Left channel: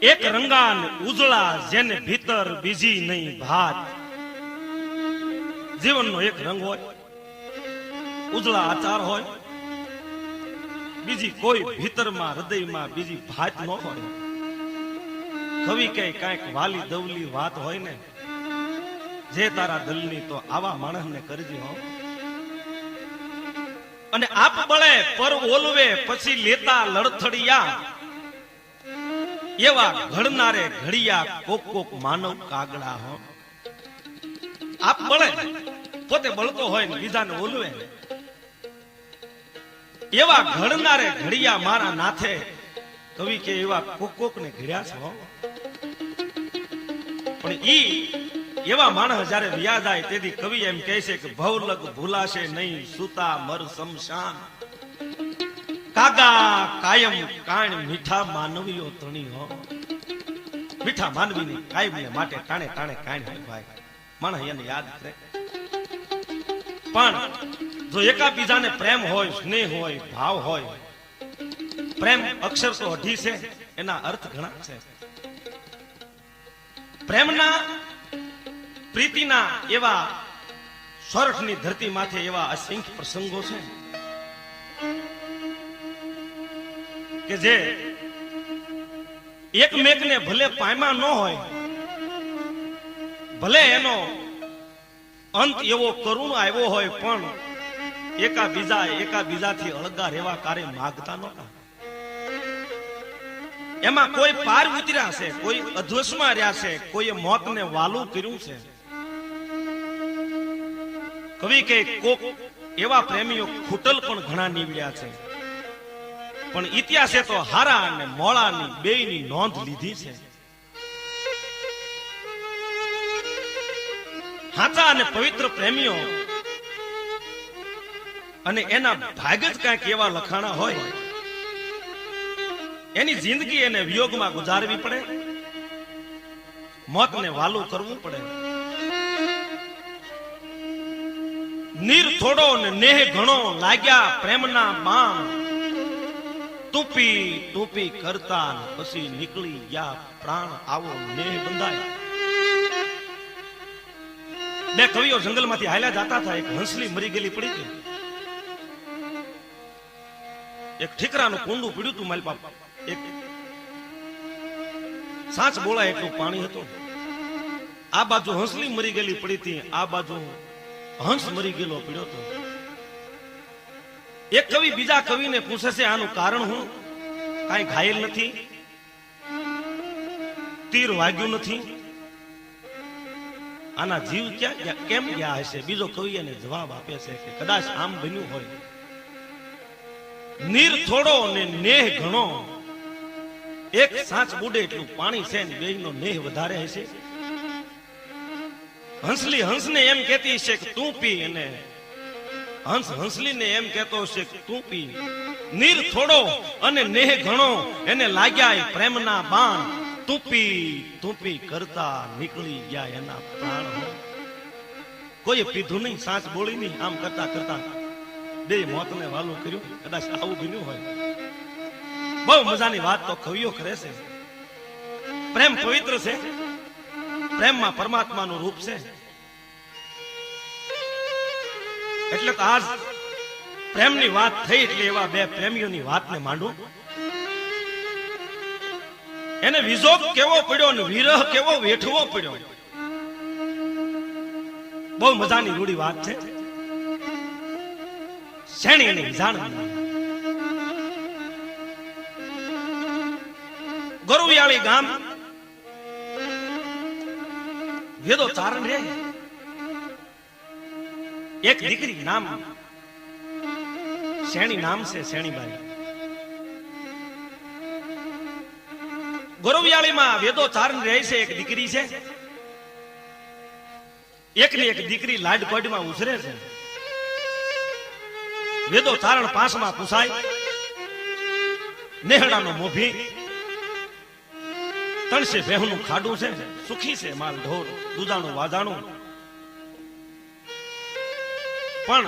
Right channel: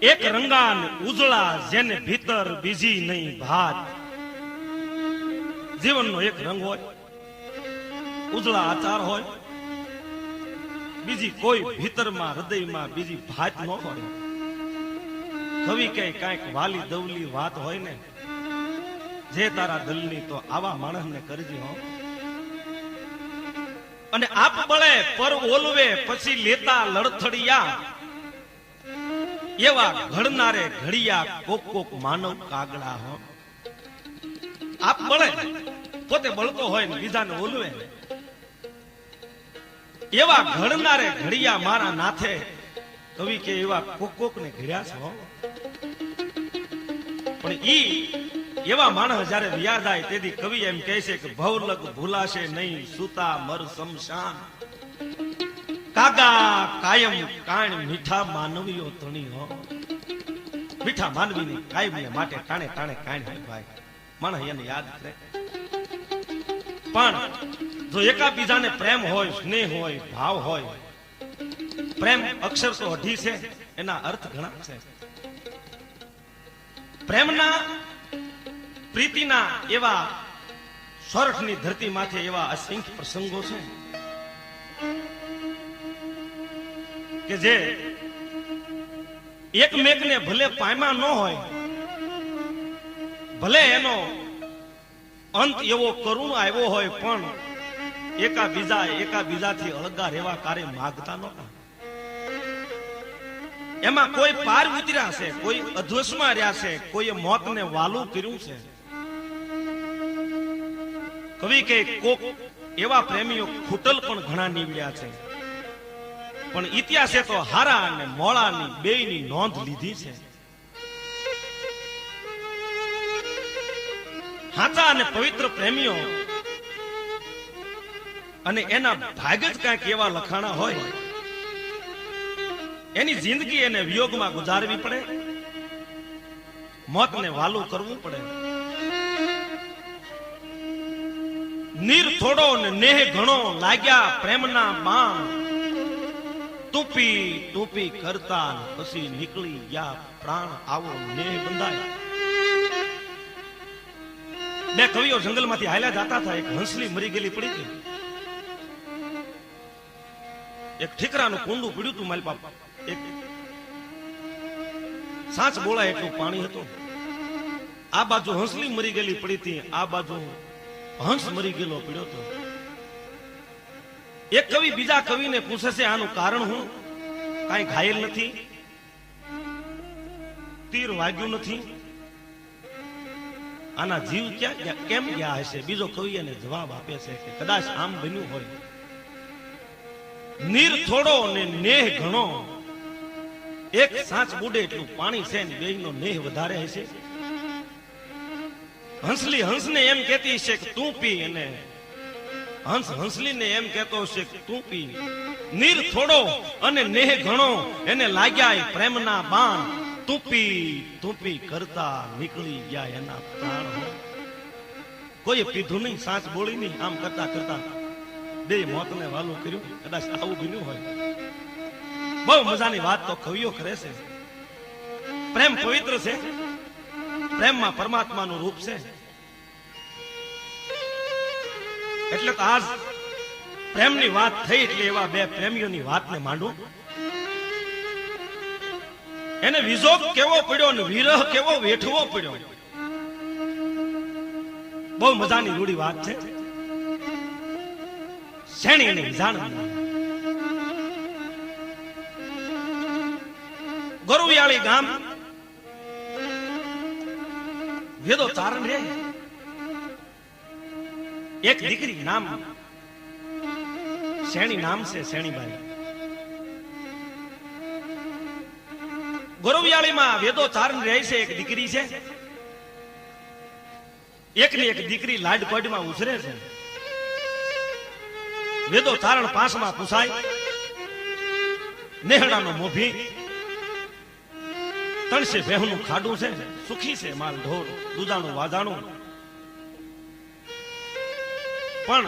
એક રંગાન ઉજળા જેને ભીતર બીજી નહીં ભાત. જીવનનો એક રંગ હોય, ઉજળા આચાર હોય, બીજી કોઈ ભીતરમાં હૃદયમાં બીજી ભાત ન હોય. કવિ કે કાંઈક વાલી દવલી વાત હોય ને જે તારા દિલની, તો આવા માણસને કરજી હો. અને આપ બળે પર ઓલવે પછી લેતા લડથડિયા, એવા ઘડનારે ઘડિયા કોક કોક માનવ કાગડા હો. આપ બળે પોતે બળતો હોય ને બીજાને ઓલવે, એવા ઘડનારે ઘડિયા મારા નાથે. કવિ કે એવા કોક કોક ને ઘડ્યા છો. પણ ઈ એવા માણસ જયારે વ્યા જાય તેથી કવિ એમ કહે છે કે ભવલગ ભૂલાશે નહીં સુતા મર શમશાન. કાગા કાયમ કાણ મીઠા માનવીઓ તણી હો. મીઠા માનવીની કાયમને માટે ટાણે ટાણે કાણ હોય ભાઈ. માણસ એને યાદ કરે. પણ જો એકાબીજાને પ્રેમ હોય, સ્નેહ હોય, ભાવ હોય, પ્રેમ અક્ષર તો અઢી છે, એના અર્થ ઘણા છે. પ્રેમના પ્રીતિના એવા સોરઠની ધરતી માથે એવા અસંખ્ય પ્રસંગો છે કે જે એકમેકને ભલે પામ્યા ન હોય, ભલે એનો અંત એવો કરુણ આવ્યો હોય, પણ એકાબીજાથી અળગા રહેવા કાર્ય માગતા નહોતા. એમાં કોઈ પાર ઉતર્યા છે, કોઈ અધ્વસમાં રહ્યા છે, કોઈએ મોતને વાલું કર્યું છે. કવિ કે કોક એવા પ્રેમીઓ ખૂટલ પણ ઘણા નીવડ્યા છે, પણ ઇતિહાસે તો હારા અને મોળાની બેયની નોંધ લીધી છે. સાચા અને પવિત્ર પ્રેમીઓ અને એના ભાગ જ કાંઈક એવા લખાણા હોય, એની જિંદગી એને વિયોગમાં ગુજારવી પડે, મોતને વાલું કરવું પડે. નીર થોડો ને નેહ ઘણો લાગ્યા પ્રેમના બાણ, ટૂપી ટૂપી કરતા પછી નીકળી ગયા પ્રાણ. આવો નેહ બંધાય. બે કવિઓ જંગલમાંથી હાલ્યા જતા હતા. એક હંસલી મરી ગયેલી પડી ગઈ. એક ઠીકરાનું કુંડું પીડ્યું હતું મારી બાપ. એક સાચ બોલાય એટલું પાણી હતું. આ બાજુ હંસલી મરી ગયેલી પડી હતી, આ બાજુ હંસ મરી ગયેલો પીડ્યો હતો. એક કવિ બીજા કવિને પૂછે છે આનું કારણ હું? કાંઈ ઘાયલ નથી, તીર વાગ્યું નથી, આના જીવ ક્યાં કેમ ગયા હશે? બીજો કવિ એને જવાબ આપે છે કે કદાચ આમ બન્યું હોય, નીર થોડો ને નેહ ઘણો, એક સાચ બુડે એટલું પાણી છે ને બેયનો નેહ વધારે હશે. હંસલી હંસને એમ કહેતી છે કે તું પી, અને હંસ હંસલીને એમ કહેતો છે કે તું પી. નીર થોડો અને નેહ ઘણો, એને લાગ્યા પ્રેમના બાણ, તુપી તુપી કરતા નીકળી ગયા એના પ્રાણ. કોઈ પીધું નહીં, સાચ બોલી નહીં, આમ કરતા કરતા બે મોતને વાલું કર્યું. કદાચ આવું બન્યું હોય. બહુ મજાની વાત તો કવિઓ કરે છે. પ્રેમ પવિત્ર છે, પ્રેમમાં પરમાત્માનું રૂપ છે. એટલે તો આજ પ્રેમની વાત થઈ એટલે એવા બે પ્રેમીઓની વાતને માંડું. એને વિજોગ કેવો પડ્યો ને વિરહ કેવો વેઠવો પડ્યો. બહુ મજાની રૂડી વાત છે. શેણી એની જાણવી. ગોરવિયાળી ગામ વેદો ચારણ રે. એક દીકરી નામ શેણી, નામ છે શેણીબાઈ. ગોરવિયાળીમાં વેદો ચારણ રહે છે. એક દીકરી છે. એકની એક દીકરી લાડકોડમાં ઉછરે છે. વેદો ચારણ પાંચમાં પૂછાય. નેહડાનો મોભી, તણસે ભેહનું ખાડું છે, સુખી છે માલ ઢોર, દૂધાનું વાજાણું. પણ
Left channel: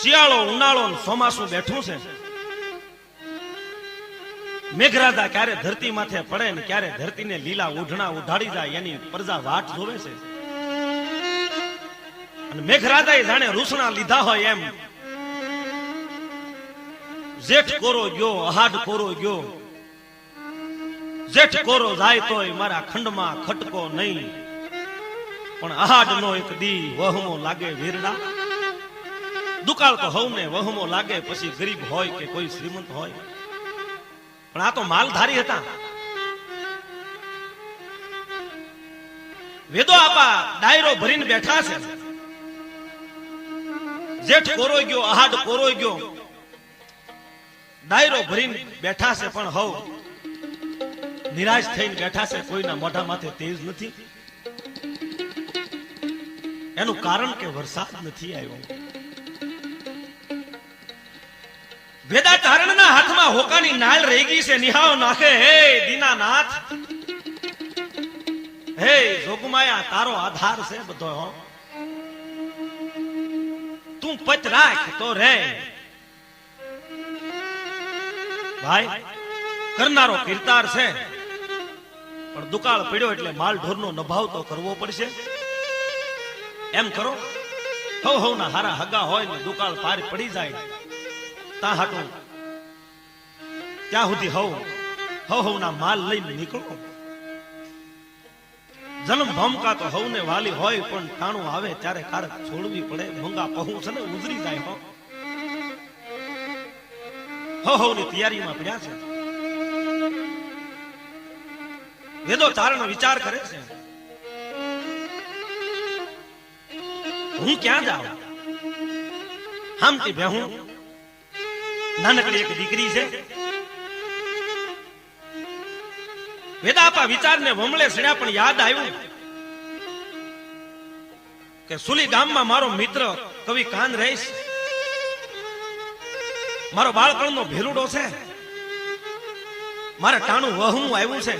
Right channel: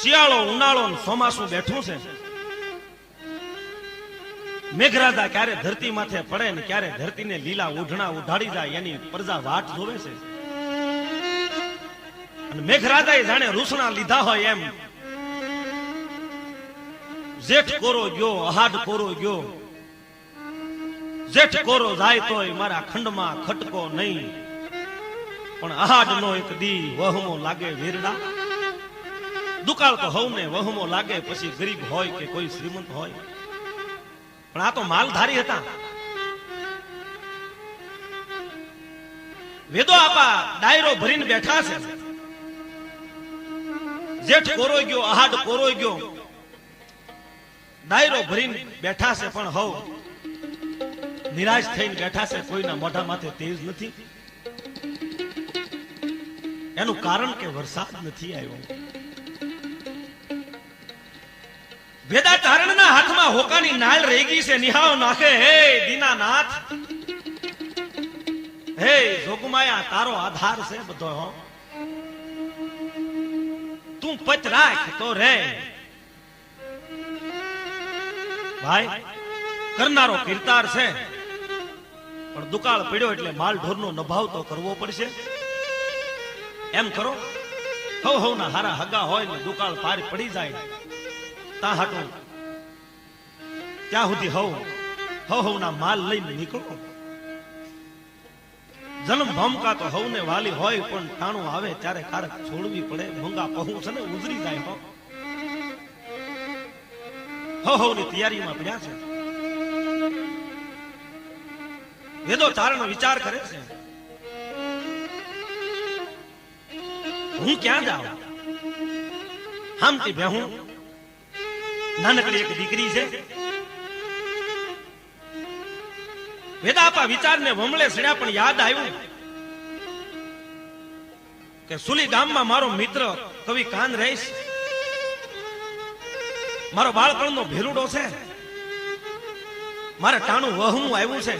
શિયાળો ઉનાળો ચોમાસું બેઠું છે. મેઘરાજા ક્યારે ધરતી માથે પડે ને ક્યારે ધરતીને લીલા ઓઢણા ઉઢાડી જાય એની પ્રજા વાટ જોવે છે. અને મેઘરાજાએ જાણે રૂસણા લીધા હોય એમ જેઠ કોરો ગયો, અહાડ કોરો ગયો. જેઠ કોરો જાય તોય મારા ખંડમાં ખટકો નહીં, પણ અહાડ નો એક દી વહમો લાગે વીરડા. દુકાળ તો હવને વહમો લાગે, પછી ગરીબ હોય કે કોઈ શ્રીમંત હોય. પણ આ તો માલધારી હતા. વેદો આપા ડાયરો ભરીને બેઠા છે. જેઠ કોરોઈ ગયો, અહાડ કોરોઈ ગયો, ડાયરો ભરીને બેઠા છે. પણ હવ નિરાશ થઈને બેઠા છે. કોઈના મોઢા માથે તેજ નથી. એનું કારણ કે વરસાદ નથી આવ્યો. વેદાચારણના હાથમાં હોકાની નાળ રહી ગઈ છે. નિહાળો નાખે, હે દીનાનાથ, હે જોગમાયા, તારો આધાર છે બધો. તું પચ રાખ તો રે. ભાઈ કરનારો કીર્તાર છે, પણ દુકાળ પડ્યો એટલે માલ ઢોરનો નભાવ તો કરવો પડશે. એમ કરો, હવ ના હારા હગા હોય ને દુકાળ પાર પડી જાય તા હાટું ત્યાં સુધી હવ ના માલ લઈને નીકળો. જન્મ ભમકા તો હવને વાલી હોય, પણ ટાણું આવે ત્યારે કારક છોડવી પડે. ભંગા પહું છે ને ઉજરી જાય. હવની તૈયારીમાં પડ્યા છે. વેદો ચારણ વિચાર કરે છે, હું ક્યાં જાઉં? હામતી બેહું, નાનકડી એક દીકરી છે. વેદાપા વિચારને વમળે સડ્યા, પણ યાદ આવ્યું કે સુલી ગામમાં મારો મિત્ર કવિ કાન રહીશ, મારો બાળપણનો ભેરુડો છે. મારે ટાણું વહું આવ્યું છે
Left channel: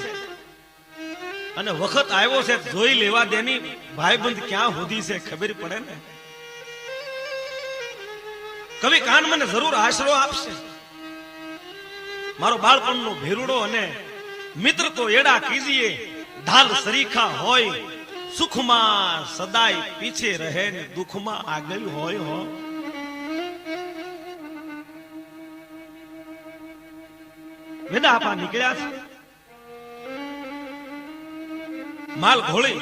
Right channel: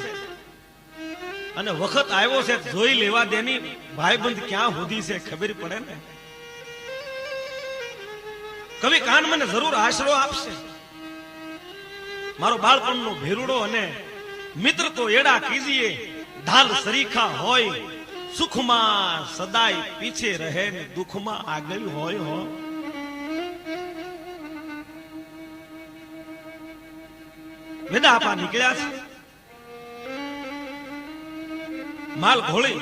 અને વખત આવ્યો છે જોઈ લેવા દેની. ભાઈબંધ ક્યાં સુધી છે ખબર પડે ને. કવિ કાન મને જરૂર આશરો આપશે. મારો બાળપણનો ભેરુડો અને મિત્ર તો એડા કીજીએ. ઢાલ સરીખા હોય, સુખમાં સદાય પીછે રહે ને દુઃખમાં આગળ હોય. વેદા આપા નીકળ્યા છે. માલ ઘોળી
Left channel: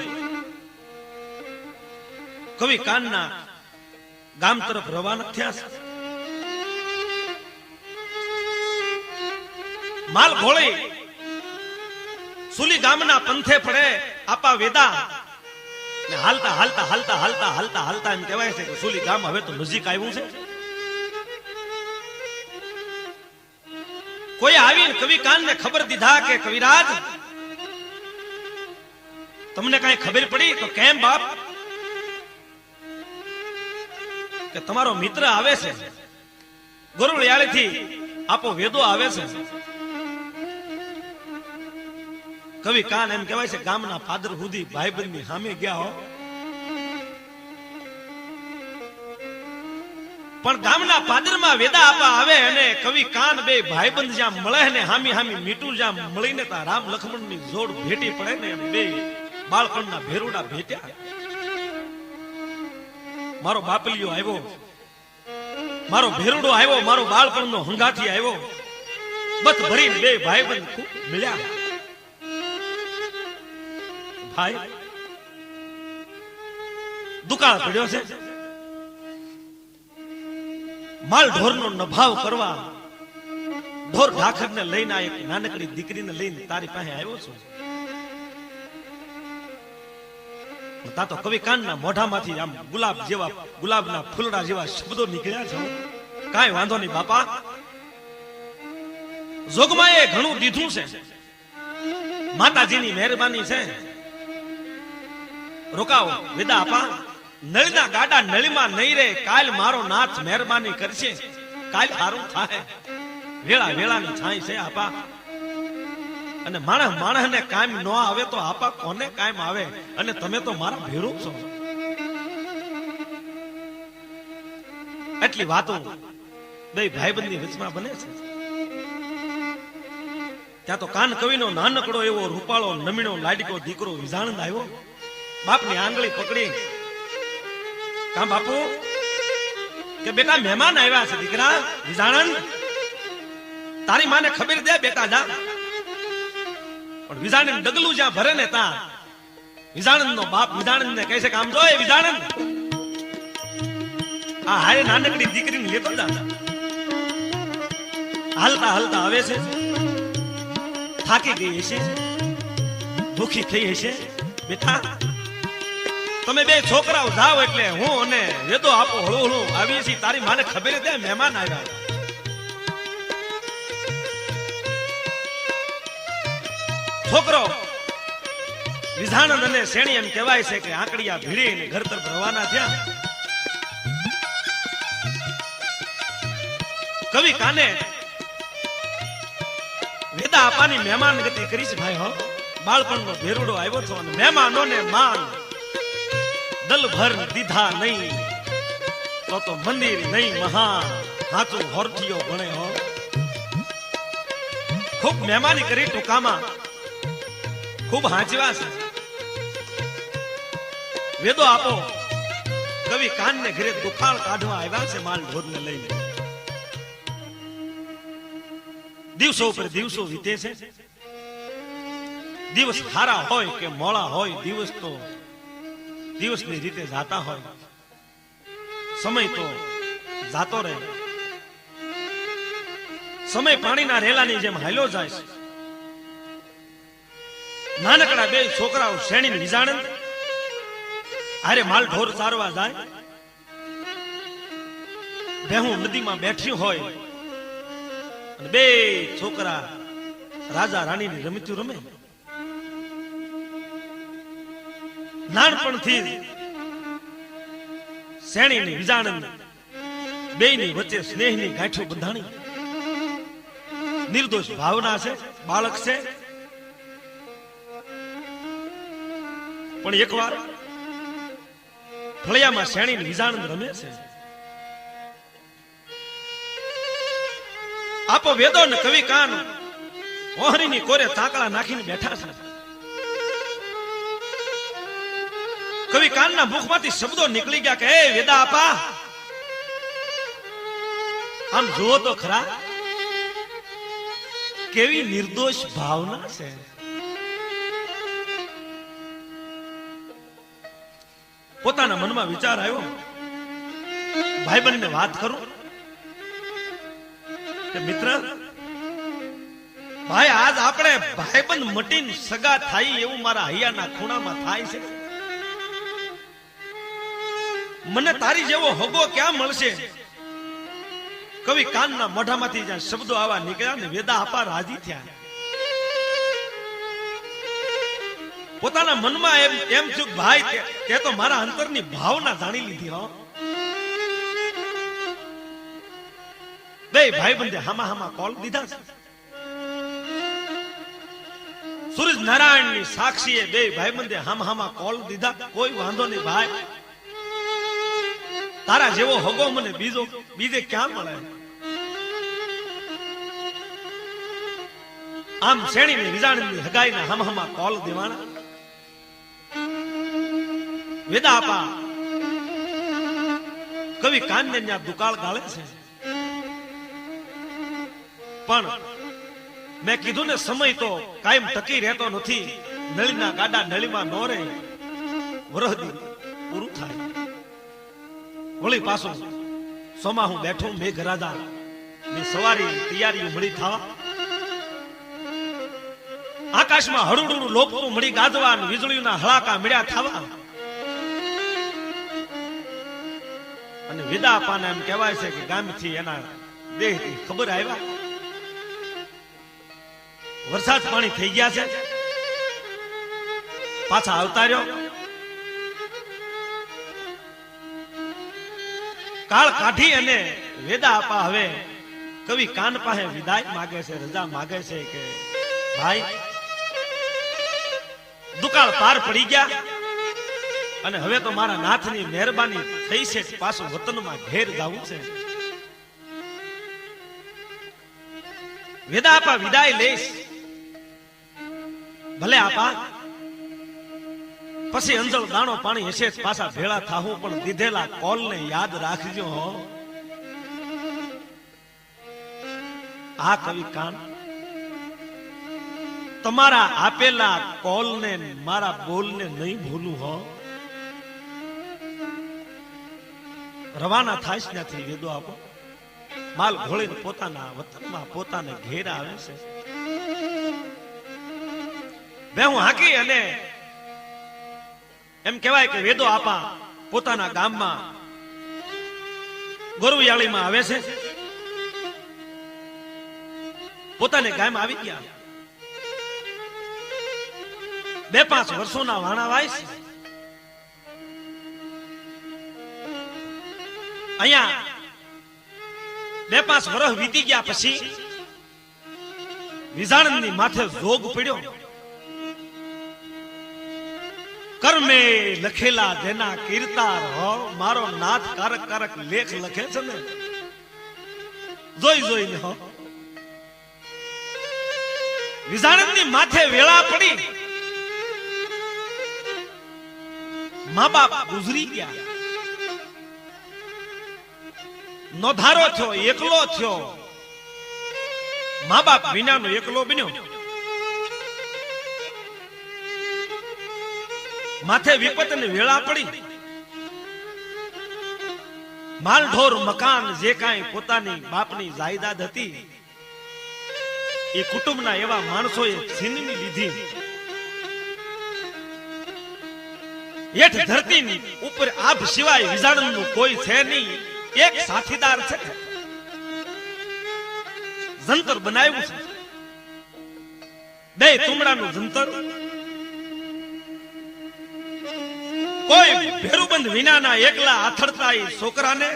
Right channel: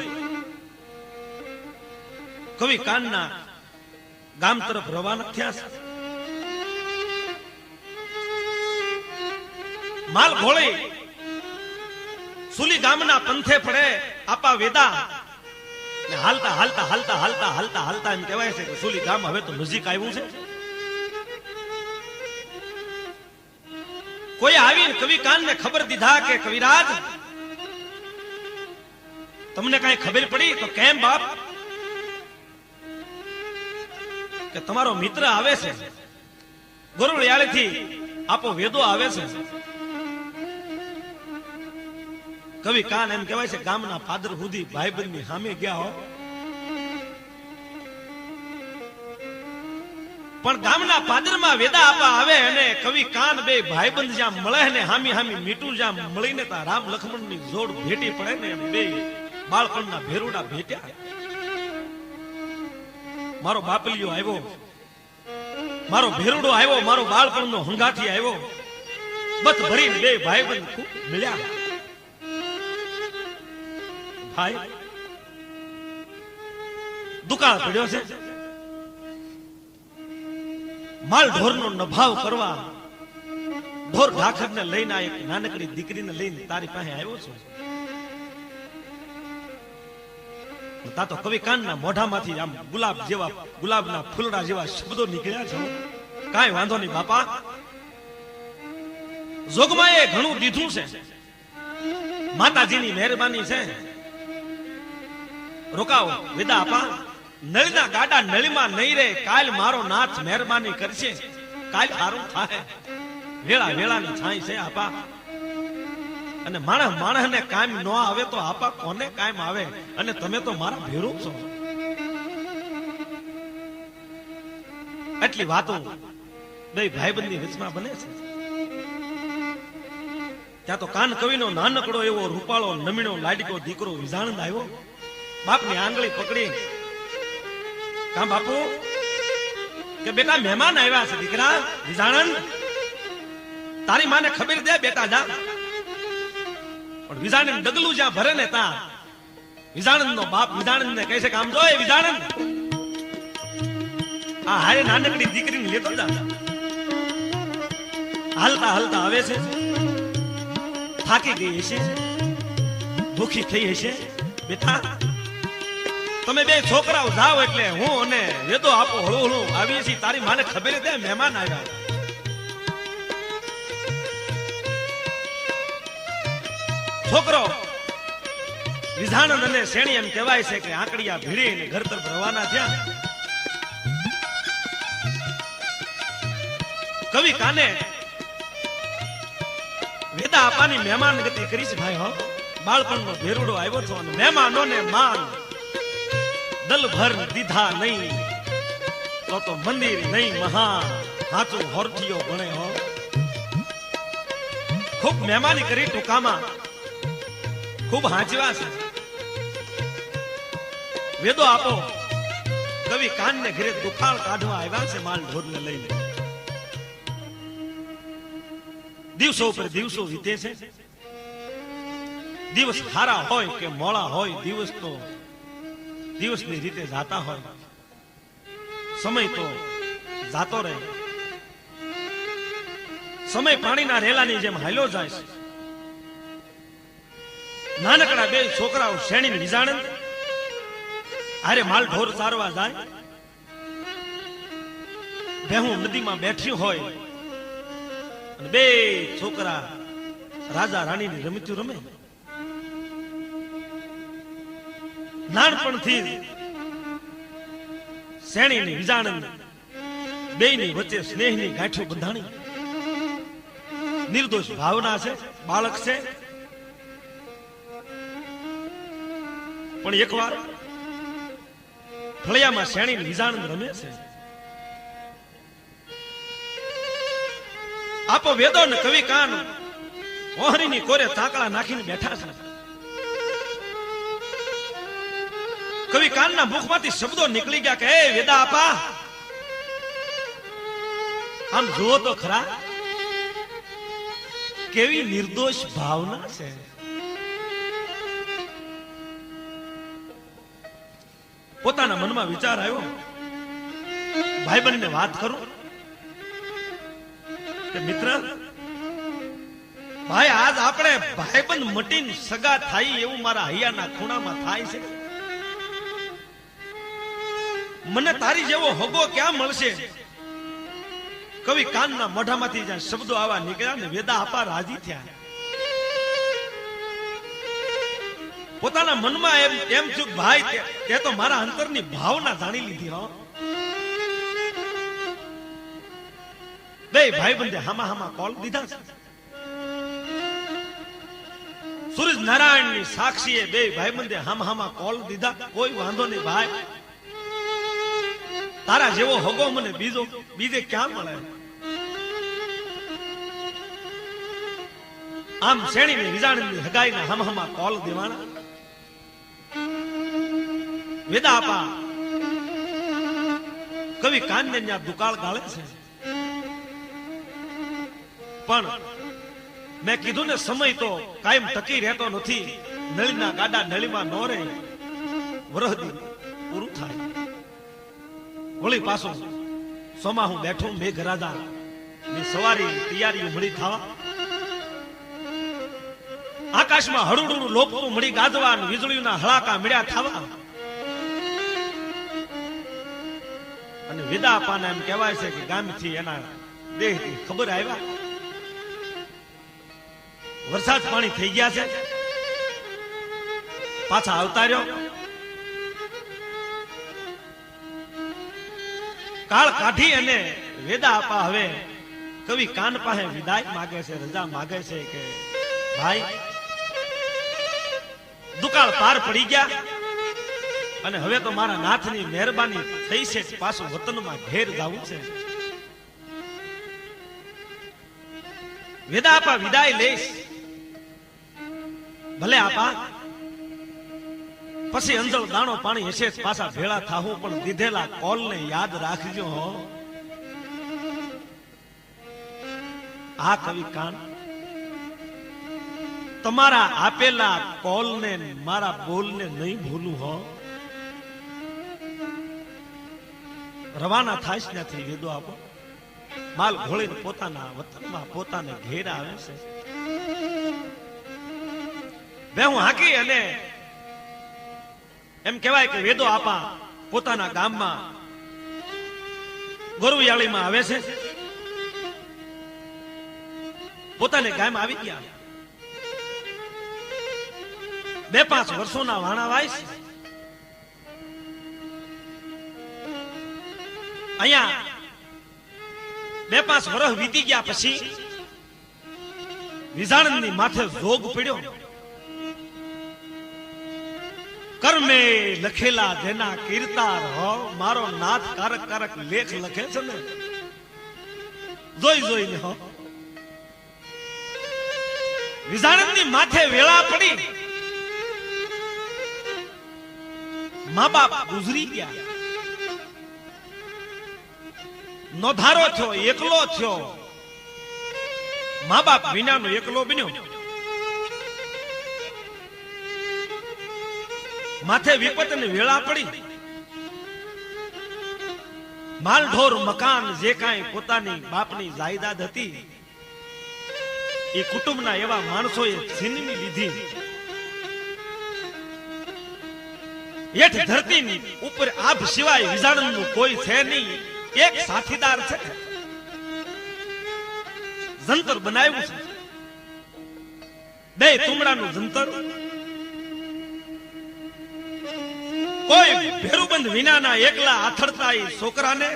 કવિ કાનના ગામ તરફ રવાના થયા છે. માલ ઘોળી સુલી ગામના પંથે પડે. આપા વેદા હાલતા હાલતા હાલતા હાલતા હાલતા હાલતા એમ કહેવાય છે કે સુલી ગામ હવે તો નજીક આવ્યું છે. કોઈ આવી કવિ કાનને ખબર દીધા કે કવિરાજ, તમને કઈ ખબર પડી? તો કેમ બાપ? કે તમારો મિત્ર આવે છે, ગરુડિયાળીથી આપો વેદો આવે છે. કવિ કાન એમ કહેવાય છે ગામના પાદર સુધી ભાઈબંધની સામે ગયા હો. પણ ગામના પાદરમાં વેદા આપા આવે અને કવિ કાન બે ભાઈબંધ જ્યાં મળે ને હામી હામી મીઠું જ્યાં મળીને તા રામ લક્ષ્મણની જોડ ભેટી પડે ને બે બાળપણના ભેરુડા ભેટ્યા. મારો બાપલિયો આવ્યો, મારો ભેરુડો આવ્યો, મારો બાળપણનો હંગાથી આવ્યો. બસ ભરીને બે ભાઈબંધ ખૂબ મળ્યા. ભાઈ દુકાળ પડ્યો છે. માલ ઢોરનો નભાવ કરવા ઢોર ઢાખરને લઈને આ એક નાનકડી દીકરીને લઈને તારી પાસે આવ્યો છું. તા તો કવિ કાનના મોઢામાંથી આમ ગુલાબ જેવા, ગુલાબના ફૂલડા જેવા શબ્દો નીકળ્યા છે. કાંઈ વાંધો નહીં બાપા, જોગમાએ ઘણું દીધું છે, માતાજીની મહેરબાની છે. રોકાવો વેદા આપા. નળના ગાડા નળીમાં નહીં રે. કાલ મારો નાથ મહેરબાની કરશે, કાલ સારું થાય. વેળા વેળાની છાઈ છે આપા. અને માણસ ને કાયમ ન આવે તો આપા કોને કાયમ આવે? અને તમે તો મારા ભેરું છો. એટલી વાતો બે ભાઈબંધની રચના બને છે. ત્યાં તો કાન કવિનો નાનકડો એવો રૂપાળો નમીણો લાડકો દીકરો વિજાણંદ આવ્યો. બાપની આંગળી પકડી, કા બાપુ, કે બેટા મહેમાન આવ્યા છે દીકરા વિજાણંદ, તારી માને ખબર દે બેટા જા. પણ વિજાણંદ ડગલું જ્યાં ભરે ને ત્યાં વિજાણંદ નો બાપ વિજાણંદ ને કહે છે કે આમ જો એ વિજાણંદ, આ હારે નાનકડી દીકરીને લેતો જા. હાલતા હાલતા આવે છે, થાકી ગઈ હશે, ભૂખી થઈ હશે. બેટા તમે બે છોકરાઓ જાઓ એટલે હું અને વેદો આપો હળું હળું આવીએ છીએ. તારી માને ખબર દે મહેમાન આવ્યા. છોકરો વિજાણંદ અને શેણી એમ કહેવાય છે કે આંકડિયા ભીડીને ઘર તરફ રવાના થયા. કવિ કાને વેદા આપાની મહેમાન ગતિ કરી છે ભાઈ. હો બાળપણનો ભેરુડો આવ્યો છો અને મહેમાનોને માન દલ ભર દીધા નહીં તો મંદિર નહીં મહાન હાચું હોરઠીઓ ભણે. હો ખૂબ મહેમાની કરી ટૂંકામાં ખૂબ હાંચવા છે. વેદો આપો કવિ કાનને ઘરે દુખાળ કાઢવા આવ્યા છે માલ ઢોરને લઈને. દિવસો ઉપર દિવસો વીતે છે. દિવસ ખારા હોય કે મોળા હોય, દિવસ તો દિવસની રીતે જાતા હોય. સમય તો જાતો રહે. સમય પાણીના રેલાની જેમ હાલ્યો જાય છે. નાનકડા બે છોકરાઓ શેણી વિજાણંદ હારે માલ ઢોર ચારવા જાય. ભેહું નદીમાં બેઠી હોય, બે છોકરા રાજા રાણીની રમતું રમે. નાનપણથી શેણી ની વિજાણંદ બેયની વચ્ચે સ્નેહની ગાંઠો બંધાણી. નિર્દોષ ભાવના છે, બાળક છે. પણ એકવાર ફળિયામાં શેણી વિજાણંદ રમે છે. આપો વેદો ને કવિ કાન ઓહરીની કોરે તાકડા નાખીને બેઠા છે. કવિ કાનના મુખમાંથી શબ્દો નીકળી ગયા કે એ વેદા આપા, આમ જુઓ તો ખરા કેવી નિર્દોષ ભાવના છે. પોતાના મનમાં વિચાર આવ્યો, ભાઈબંધને વાત કરું કે મિત્ર ભાઈ, આજ આપણે ભાઈબંધ મટીને સગા થાય એવું મારા હૈયાના ખૂણામાં થાય છે. મને તારી જેવો હગો ક્યાં મળશે? કવિ કાનના મોઢામાંથી જ્યાં શબ્દો આવા નીકળ્યા ને વેદા આપા રાજી થયા. પોતાના મનમાં એમ થયું ભાઈ તે તો મારા અંતરની ભાવના જાણી લીધી. હો બે ભાઈબંધે હામા હામા કોલ દીધા છે. સૂરજ નારાયણ ની સાક્ષીએ બે ભાઈબંધે હામા હામા કોલ દીધા. કોઈ વાંધો નહીં ભાઈ, તારા જેવો હગો મને બીજે ક્યાં મળે? આમ શેણી ની વિજાણની હગાઈના હામા હામા કોલ દેવાના. વેદા આપા કવિ કાનને ત્યાં દુકાળ ગાળે છે. પણ મેં કીધું ને સમય તો કાયમ ટકી રહેતો નથી. નળીના ગાડા નળીમાં ન રહે, વરહદી પૂરું થાય. વળી પાછું સોમાહું બેઠું મેઘરાજા ની સવારી તૈયારીઓ મળી થવા. આકાશમાં હળુડું લોપતું મળી ગાજવા, વીજળીના હળાકા મળ્યા થવા. અને વેદા આપાને એમ કહેવાય છે કે ગામથી એના દેહથી ખબર આવ્યા વરસાદ પાણી થઈ ગયા છે. પાછા અવતાર્યો. કાળ કાઢી અને વેદા આપા હવે કવિ કાન પાસે વિદાય માગે છે, રજા માગે છે કે ભાઈ દુકાળ પાર પડી ગયા અને હવે તો મારા નાથની મહેરબાની થઈ છે, પાછું વતનમાં ઘેર જવું છે. વેદા આપા વિદાય લઈશ ભલે આપા પછી અંજળ દાણો પાણી હશે જ પાછા ભેળા થાવું, પણ દીધેલા કોલને યાદ રાખજો હો. આ કવિ કાન તમારા આપેલા કોલને મારા બોલને નહીં ભૂલું હો. રવાના થાય છે ત્યાંથી વેદો આપો, માલ ઘોળીને પોતાના વતનમાં પોતાને ઘેર આવે છે. બે હું હાકી અને એમ કહેવાય કે વેદો આપા પોતાના ગામમાં ગોરવિયાળીમાં આવે છે. પોતાને ગામ આવી ગયા, 2-5 વર્ષોના વાણા વાય છે. અહીંયા 2-5 વર્ષ વીતી ગયા પછી વિજાણની માથે રોગ પડ્યો. કર્મે લખેલા જેના કીર્તાર હો, મારો નાથ કારક કારક લેખ લખે છે ને, જોઈ જોઈને હો. વિજાણની માથે વેળા પડી, મા બાપ ગુજરી ગયા, નોધારો થયો, એકલો થયો, મા બાપ વિનાનો એકલો બન્યો. માથે વિપતની વેળા પડી, માલઢોર મકાન જે કાંઈ પોતાની બાપની જાયદાદ હતી એ કુટુંબના એવા માણસોએ છીનવી લીધી. હેઠ ધરતીની ઉપર આભ સિવાય વિજાણનું કોઈ છે નહીં. એક સાથીદાર છે, જંતર બનાવ્યું છે, 2 તુમડાનું જંતર. કોઈ ભેરુબંધ વિનાના એકલા આથડતા એ છોકરાને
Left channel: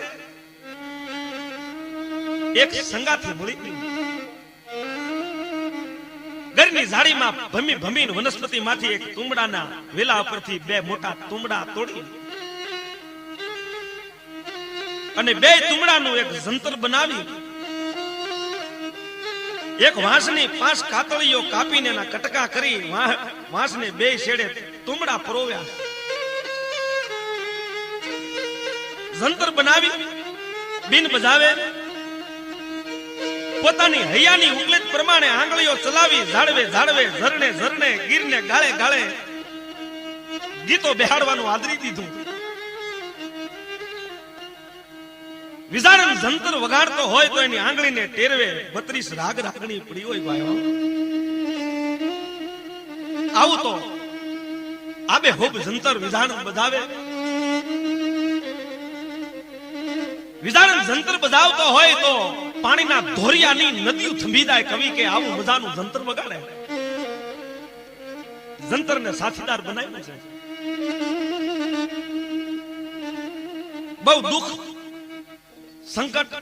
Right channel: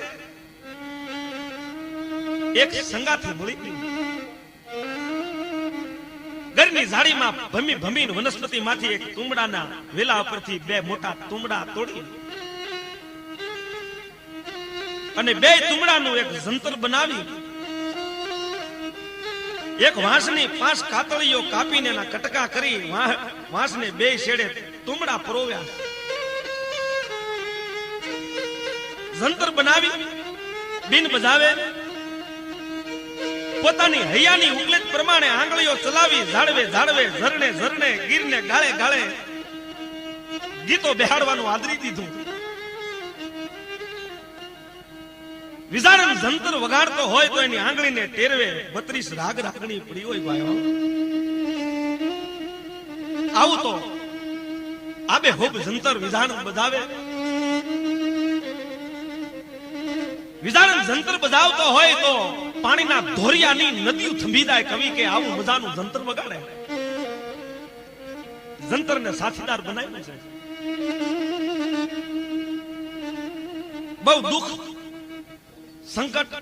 એક સંગાથી મળી ગઈ. ઘરની ઝાડીમાં ભમી ભમીને વનસ્પતિમાંથી એક તુમડાના વેલા ઉપરથી 2 મોટા તુમડા તોડી અને 2 તુમડાનું એક જંતર બનાવી, એક વાંસની 5 કાતળીઓ કાપીને એના કટકા કરી વાંસને 2 છેડે તુમડા પરોવ્યા. જંતર બનાવી બીન બજાવે, પોતાની હૈયાની ઉપલેટ પ્રમાણે આંગળીઓ ચલાવી ઝાડવે ઝાડવે, ઝરણે ઝરણે, ગીરને ગાળે ગાળે ગીતો બેહાડવાનું આદરી દીધું. વિજાણન જંતર વગાડતો હોય તો એની આંગળીને ટેરવે 32 રાગ રાગણી પડી હોય ભાઈઓ. આવું તો આબે હોબ જંતર વિજાણન બજાવે. વિજાણન જંતર બજાવતો હોય તો પાણીના ધોરિયાની નદીઓ થંભી જાય. કવિ કે આવું મજાનું જંતર વગાડે. જંતરને સાથીદાર બનાવ્યું છે. બહુ દુઃખ સંકટ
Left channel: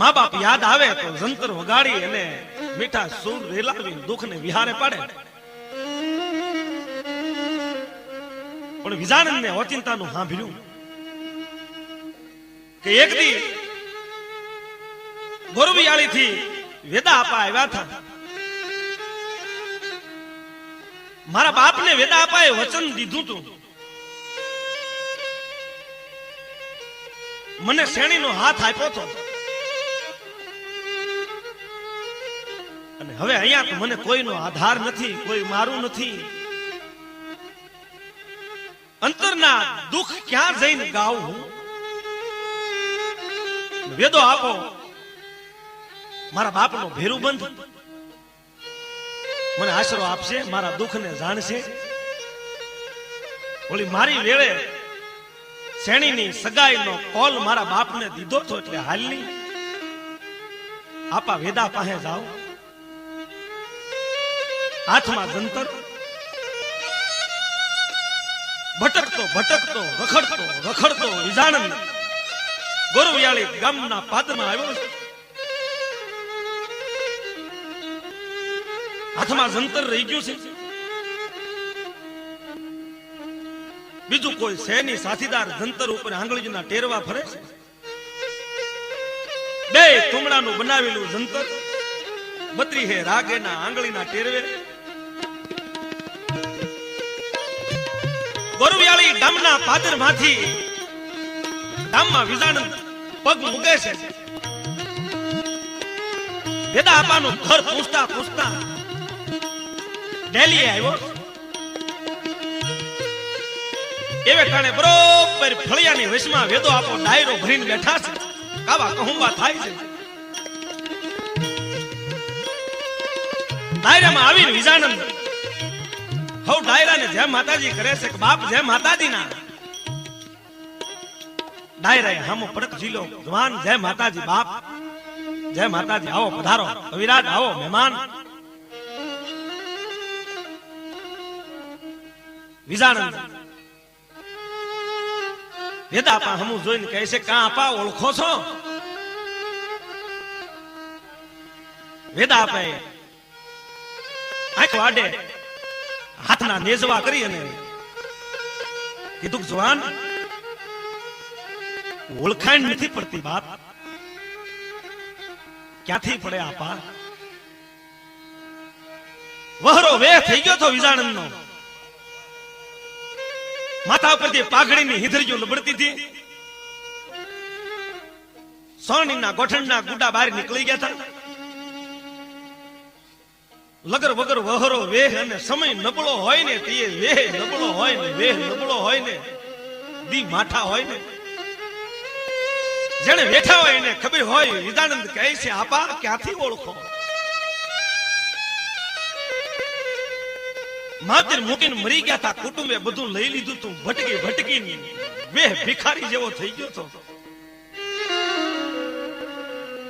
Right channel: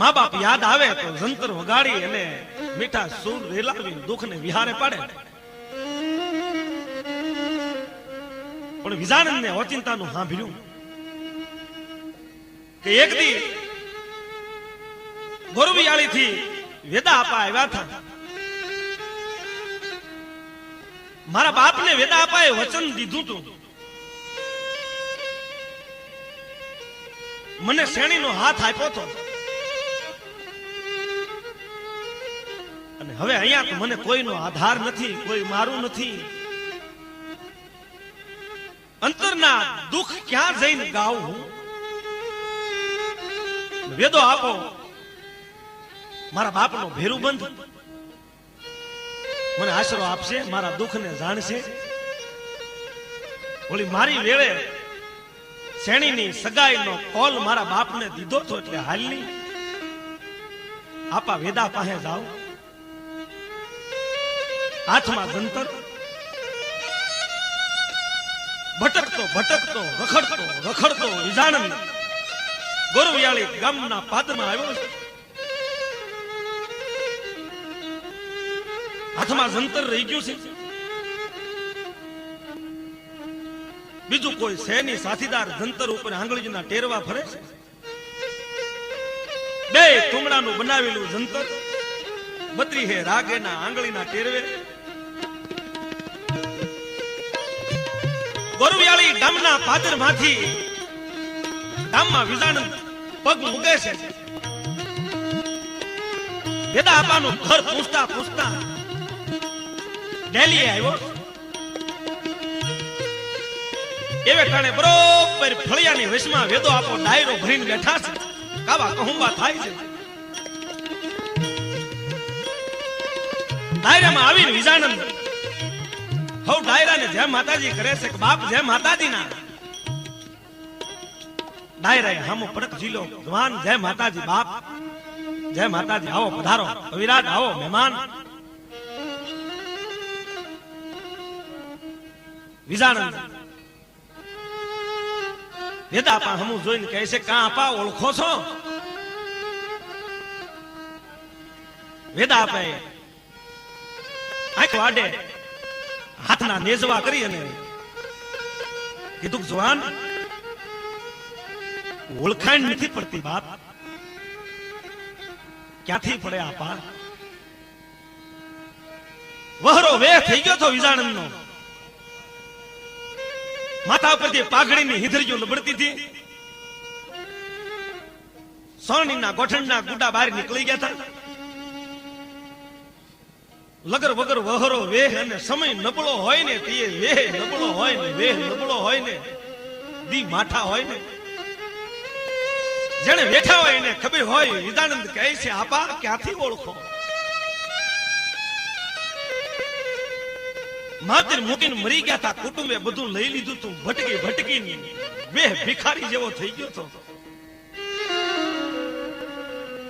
મા બાપ યાદ આવે તો જંતર વગાડી અને મીઠા સુર રેલાવી દુઃખને વિહારે પાડે. પણ વિજાણનને ઓચિંતાનું સાંભળ્યું કે એક દી ગોરવિયાળી થી વેદા આપા આવ્યા હતા. મારા બાપને વેદા આપાએ વચન દીધું હતું, મને શ્રેણીનો હાથ આપ્યો હતો, અને હવે અહીંયા તો મને કોઈનો આધાર નથી, કોઈ મારું નથી. અંતરના દુઃખ ક્યાં જઈને ગાઉં હું? વેદો આપો મારા બાપનો ભેરું બંધ મને આશરો આપશે, મારા દુઃખને જાણશે. ઓલી મારી વેળે શેણીની સગાઈનો કોલ મારા બાપને દીધો છો એટલે હાલની આપા વેદા પાસે જાઓ. હાથમાં જંતર, ભટકતો ભટકતો રખડતો રખડતો વિજાણન ગોરવિયાળી ગામના પાદરમાં આવ્યો. હાથમાં જંતર રહી ગયું છે, બીજું કોઈ શેની સાથીદાર જંતર ઉપર આંગળીના ટેરવા ફરે છે. 2 તુમડાનું બનાવેલું જંતર બત્રી હે રાગેના આંગળીના ટેરવે ગોરવિયાળી ગામના પાદરમાંથી ગામમાં વિજાણંદ પગ મૂકે છે. વેદા આપાનું ઘર પૂછતા પૂછતા ડેલી આવ્યો. એવે ટાણે બરોબર ફળિયાની વચમાં વેદો આપો ડાયરો ભરીને બેઠા છે. કાવા કહુંબા થાય છે. ડાયરામાં આવીને વિજાનંદ હવ ડાયરાને જય માતાજી કરે છે કે બાપ જય માતાજી ના. ડાયરાએ હામો પડક જીલો જવાન જય માતાજી બાપ જય માતાજી આવો પધારો કવિરાજ આવો મહેમાન. વિજાનંદ વેદા આપા હમું જોઈને કહે છે કાં આપા ઓળખો છો? વેદા આપે આંખ વાડે હાથના નેજવા કરી અને કીધું જવાન ઓળખાણ નથી પડતી બાપ. ક્યાંથી પડે આપા? વહરો વેહ થઈ ગયો તો વિજાણંદ નો. માથા ઉપરથી પાઘડીની હિધરીઓ લબડતી હતી. સોનીના ગોઠણના ગુડા બહાર નીકળી ગયા હતા. લગર વગર વહરો વેહ અને સમય નબળો હોય ને તે વેહ નબળો હોય ને વેહ નબળો હોય ને દી માઠા હોય ને જેને વેઠા હોય એને ખબર હોય. વિજાનંદ કહે છે આપા ક્યાંથી ઓળખો? માતર મૂકીને મરી ગયા હતા. કુટુંબે બધું લઈ લીધું તું. ભટકી ભટકી વેહ ભિખારી જેવો થઈ ગયો તો.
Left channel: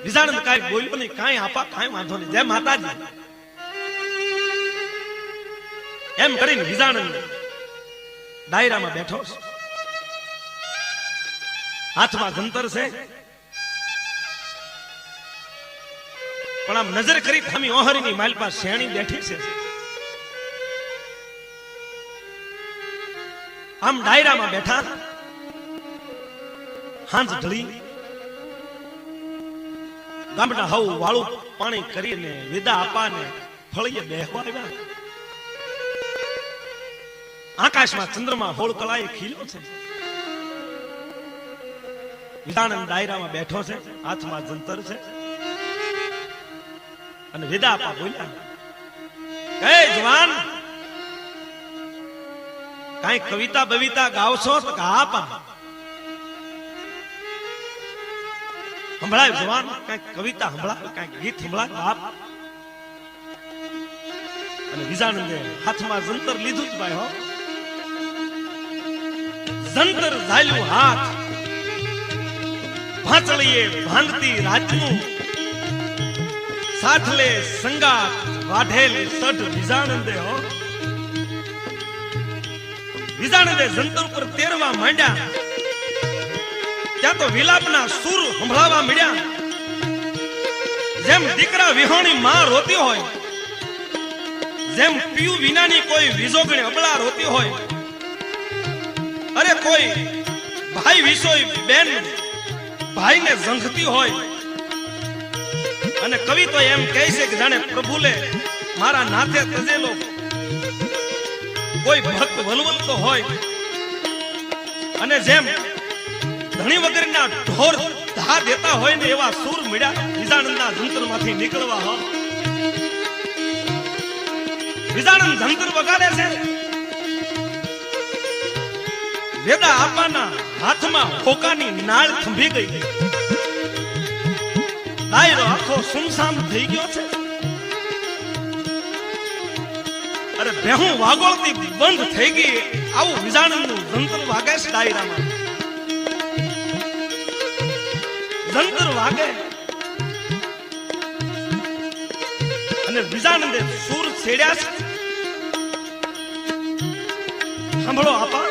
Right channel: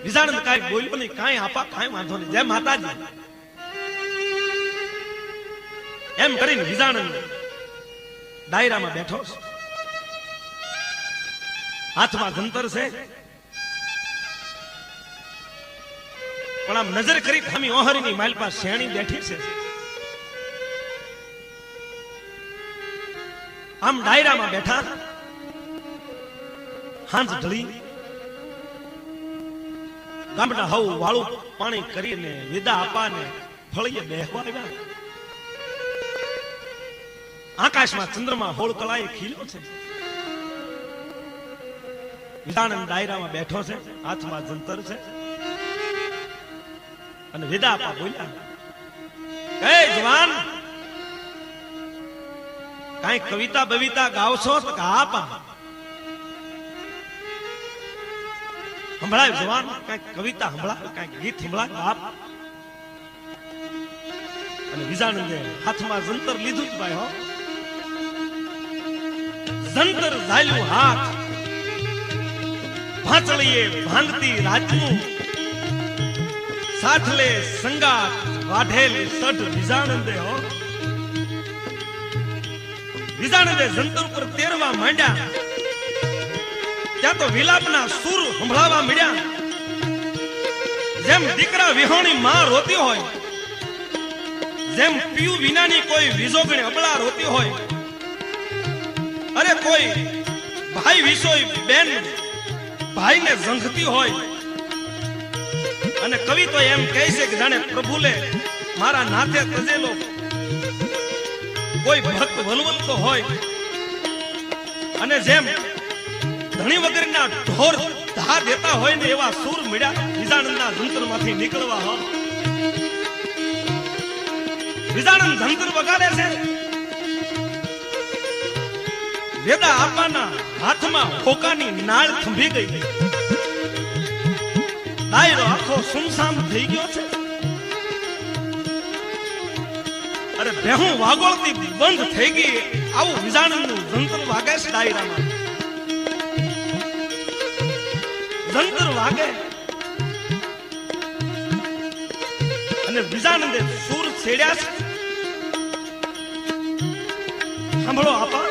વિજાનંદ કાંઈ બોલ્યો નહીં. કાંઈ આપા કાંઈ વાંધો નહીં જય માતાજી એમ કરીને વિજાનંદ ડાયરામાં બેઠો છે. હાથમાં જંતર છે. પણ આમ નજર કરી ખામી ઓહરીની માલ પાસે શેણી બેઠી છે. આમ ડાયરામાં બેઠા હાંજ ઢળી ગામડા હવ વાળું પાણી કરીને વેદા આપાને ફળીએ બેહવા આવ્યા. આકાશમાં ચંદ્રમાં હોળ કલાએ ખીલ્યો છે. વિજાનંદ ડાયરામાં બેઠો છે. હાથમાં જંતર છે અને વેદા આપા બોલ્યા હે જવાન કાંઈ કવિતા બવિતા ગાવશો તો આપા સંભળાય. જવાન કાંઈક કવિતા સંભળાય કાંઈક ગીત સંભળાય બાપ. અને વિજાનંદે હાથમાં જંતર લીધું જ ભાઈ હો. જંતર ઝાલ્યું હાથ ભાંચળીએ ભાંગતી રાજનું સાથલે સંગાત વાઢેલ સઢ વિજાનંદે હો. વિજાનંદે જંતર પર તેરવા માંડ્યા ત્યાં તો વિલાપના સૂર સંભળાવા મળ્યા. જેમ દીકરા વિહોણી માં રોતી હોય, જેમ પીયું વિનાની કોઈ વિજોગણી અબળા રોતી હોય, અરે કોઈ ભાઈ વિસોઈ બેન ભાઈને ઝંખતી હોય. અને કવિ તો એમ કહે છે કે જાણે પ્રભુલે મારા નાતે તજેલો કોઈ ભક્ત વનવંતો હોય. અને જેમ ધણી વગરના ઢોર ધા દેતા હોય ને એવા સૂર મળ્યા વિજાનંદના જંતરમાંથી નીકળવા હો. વિજાનંદ જંતર વગાડે છે. વેદા આપાના હાથમાં હોકાની નાળ થંભી ગઈ. ડાયરો આખો સુમસામ થઈ ગયો છે. અરે બેહું વાગોળતી બંધ થઈ ગઈ. આવું વિજાનંદનું જંતર વાગે છે ડાયરામાં. જંતર વાગે અને વિજાનંદે સૂર છેડ્યા છે. સાંભળો આપા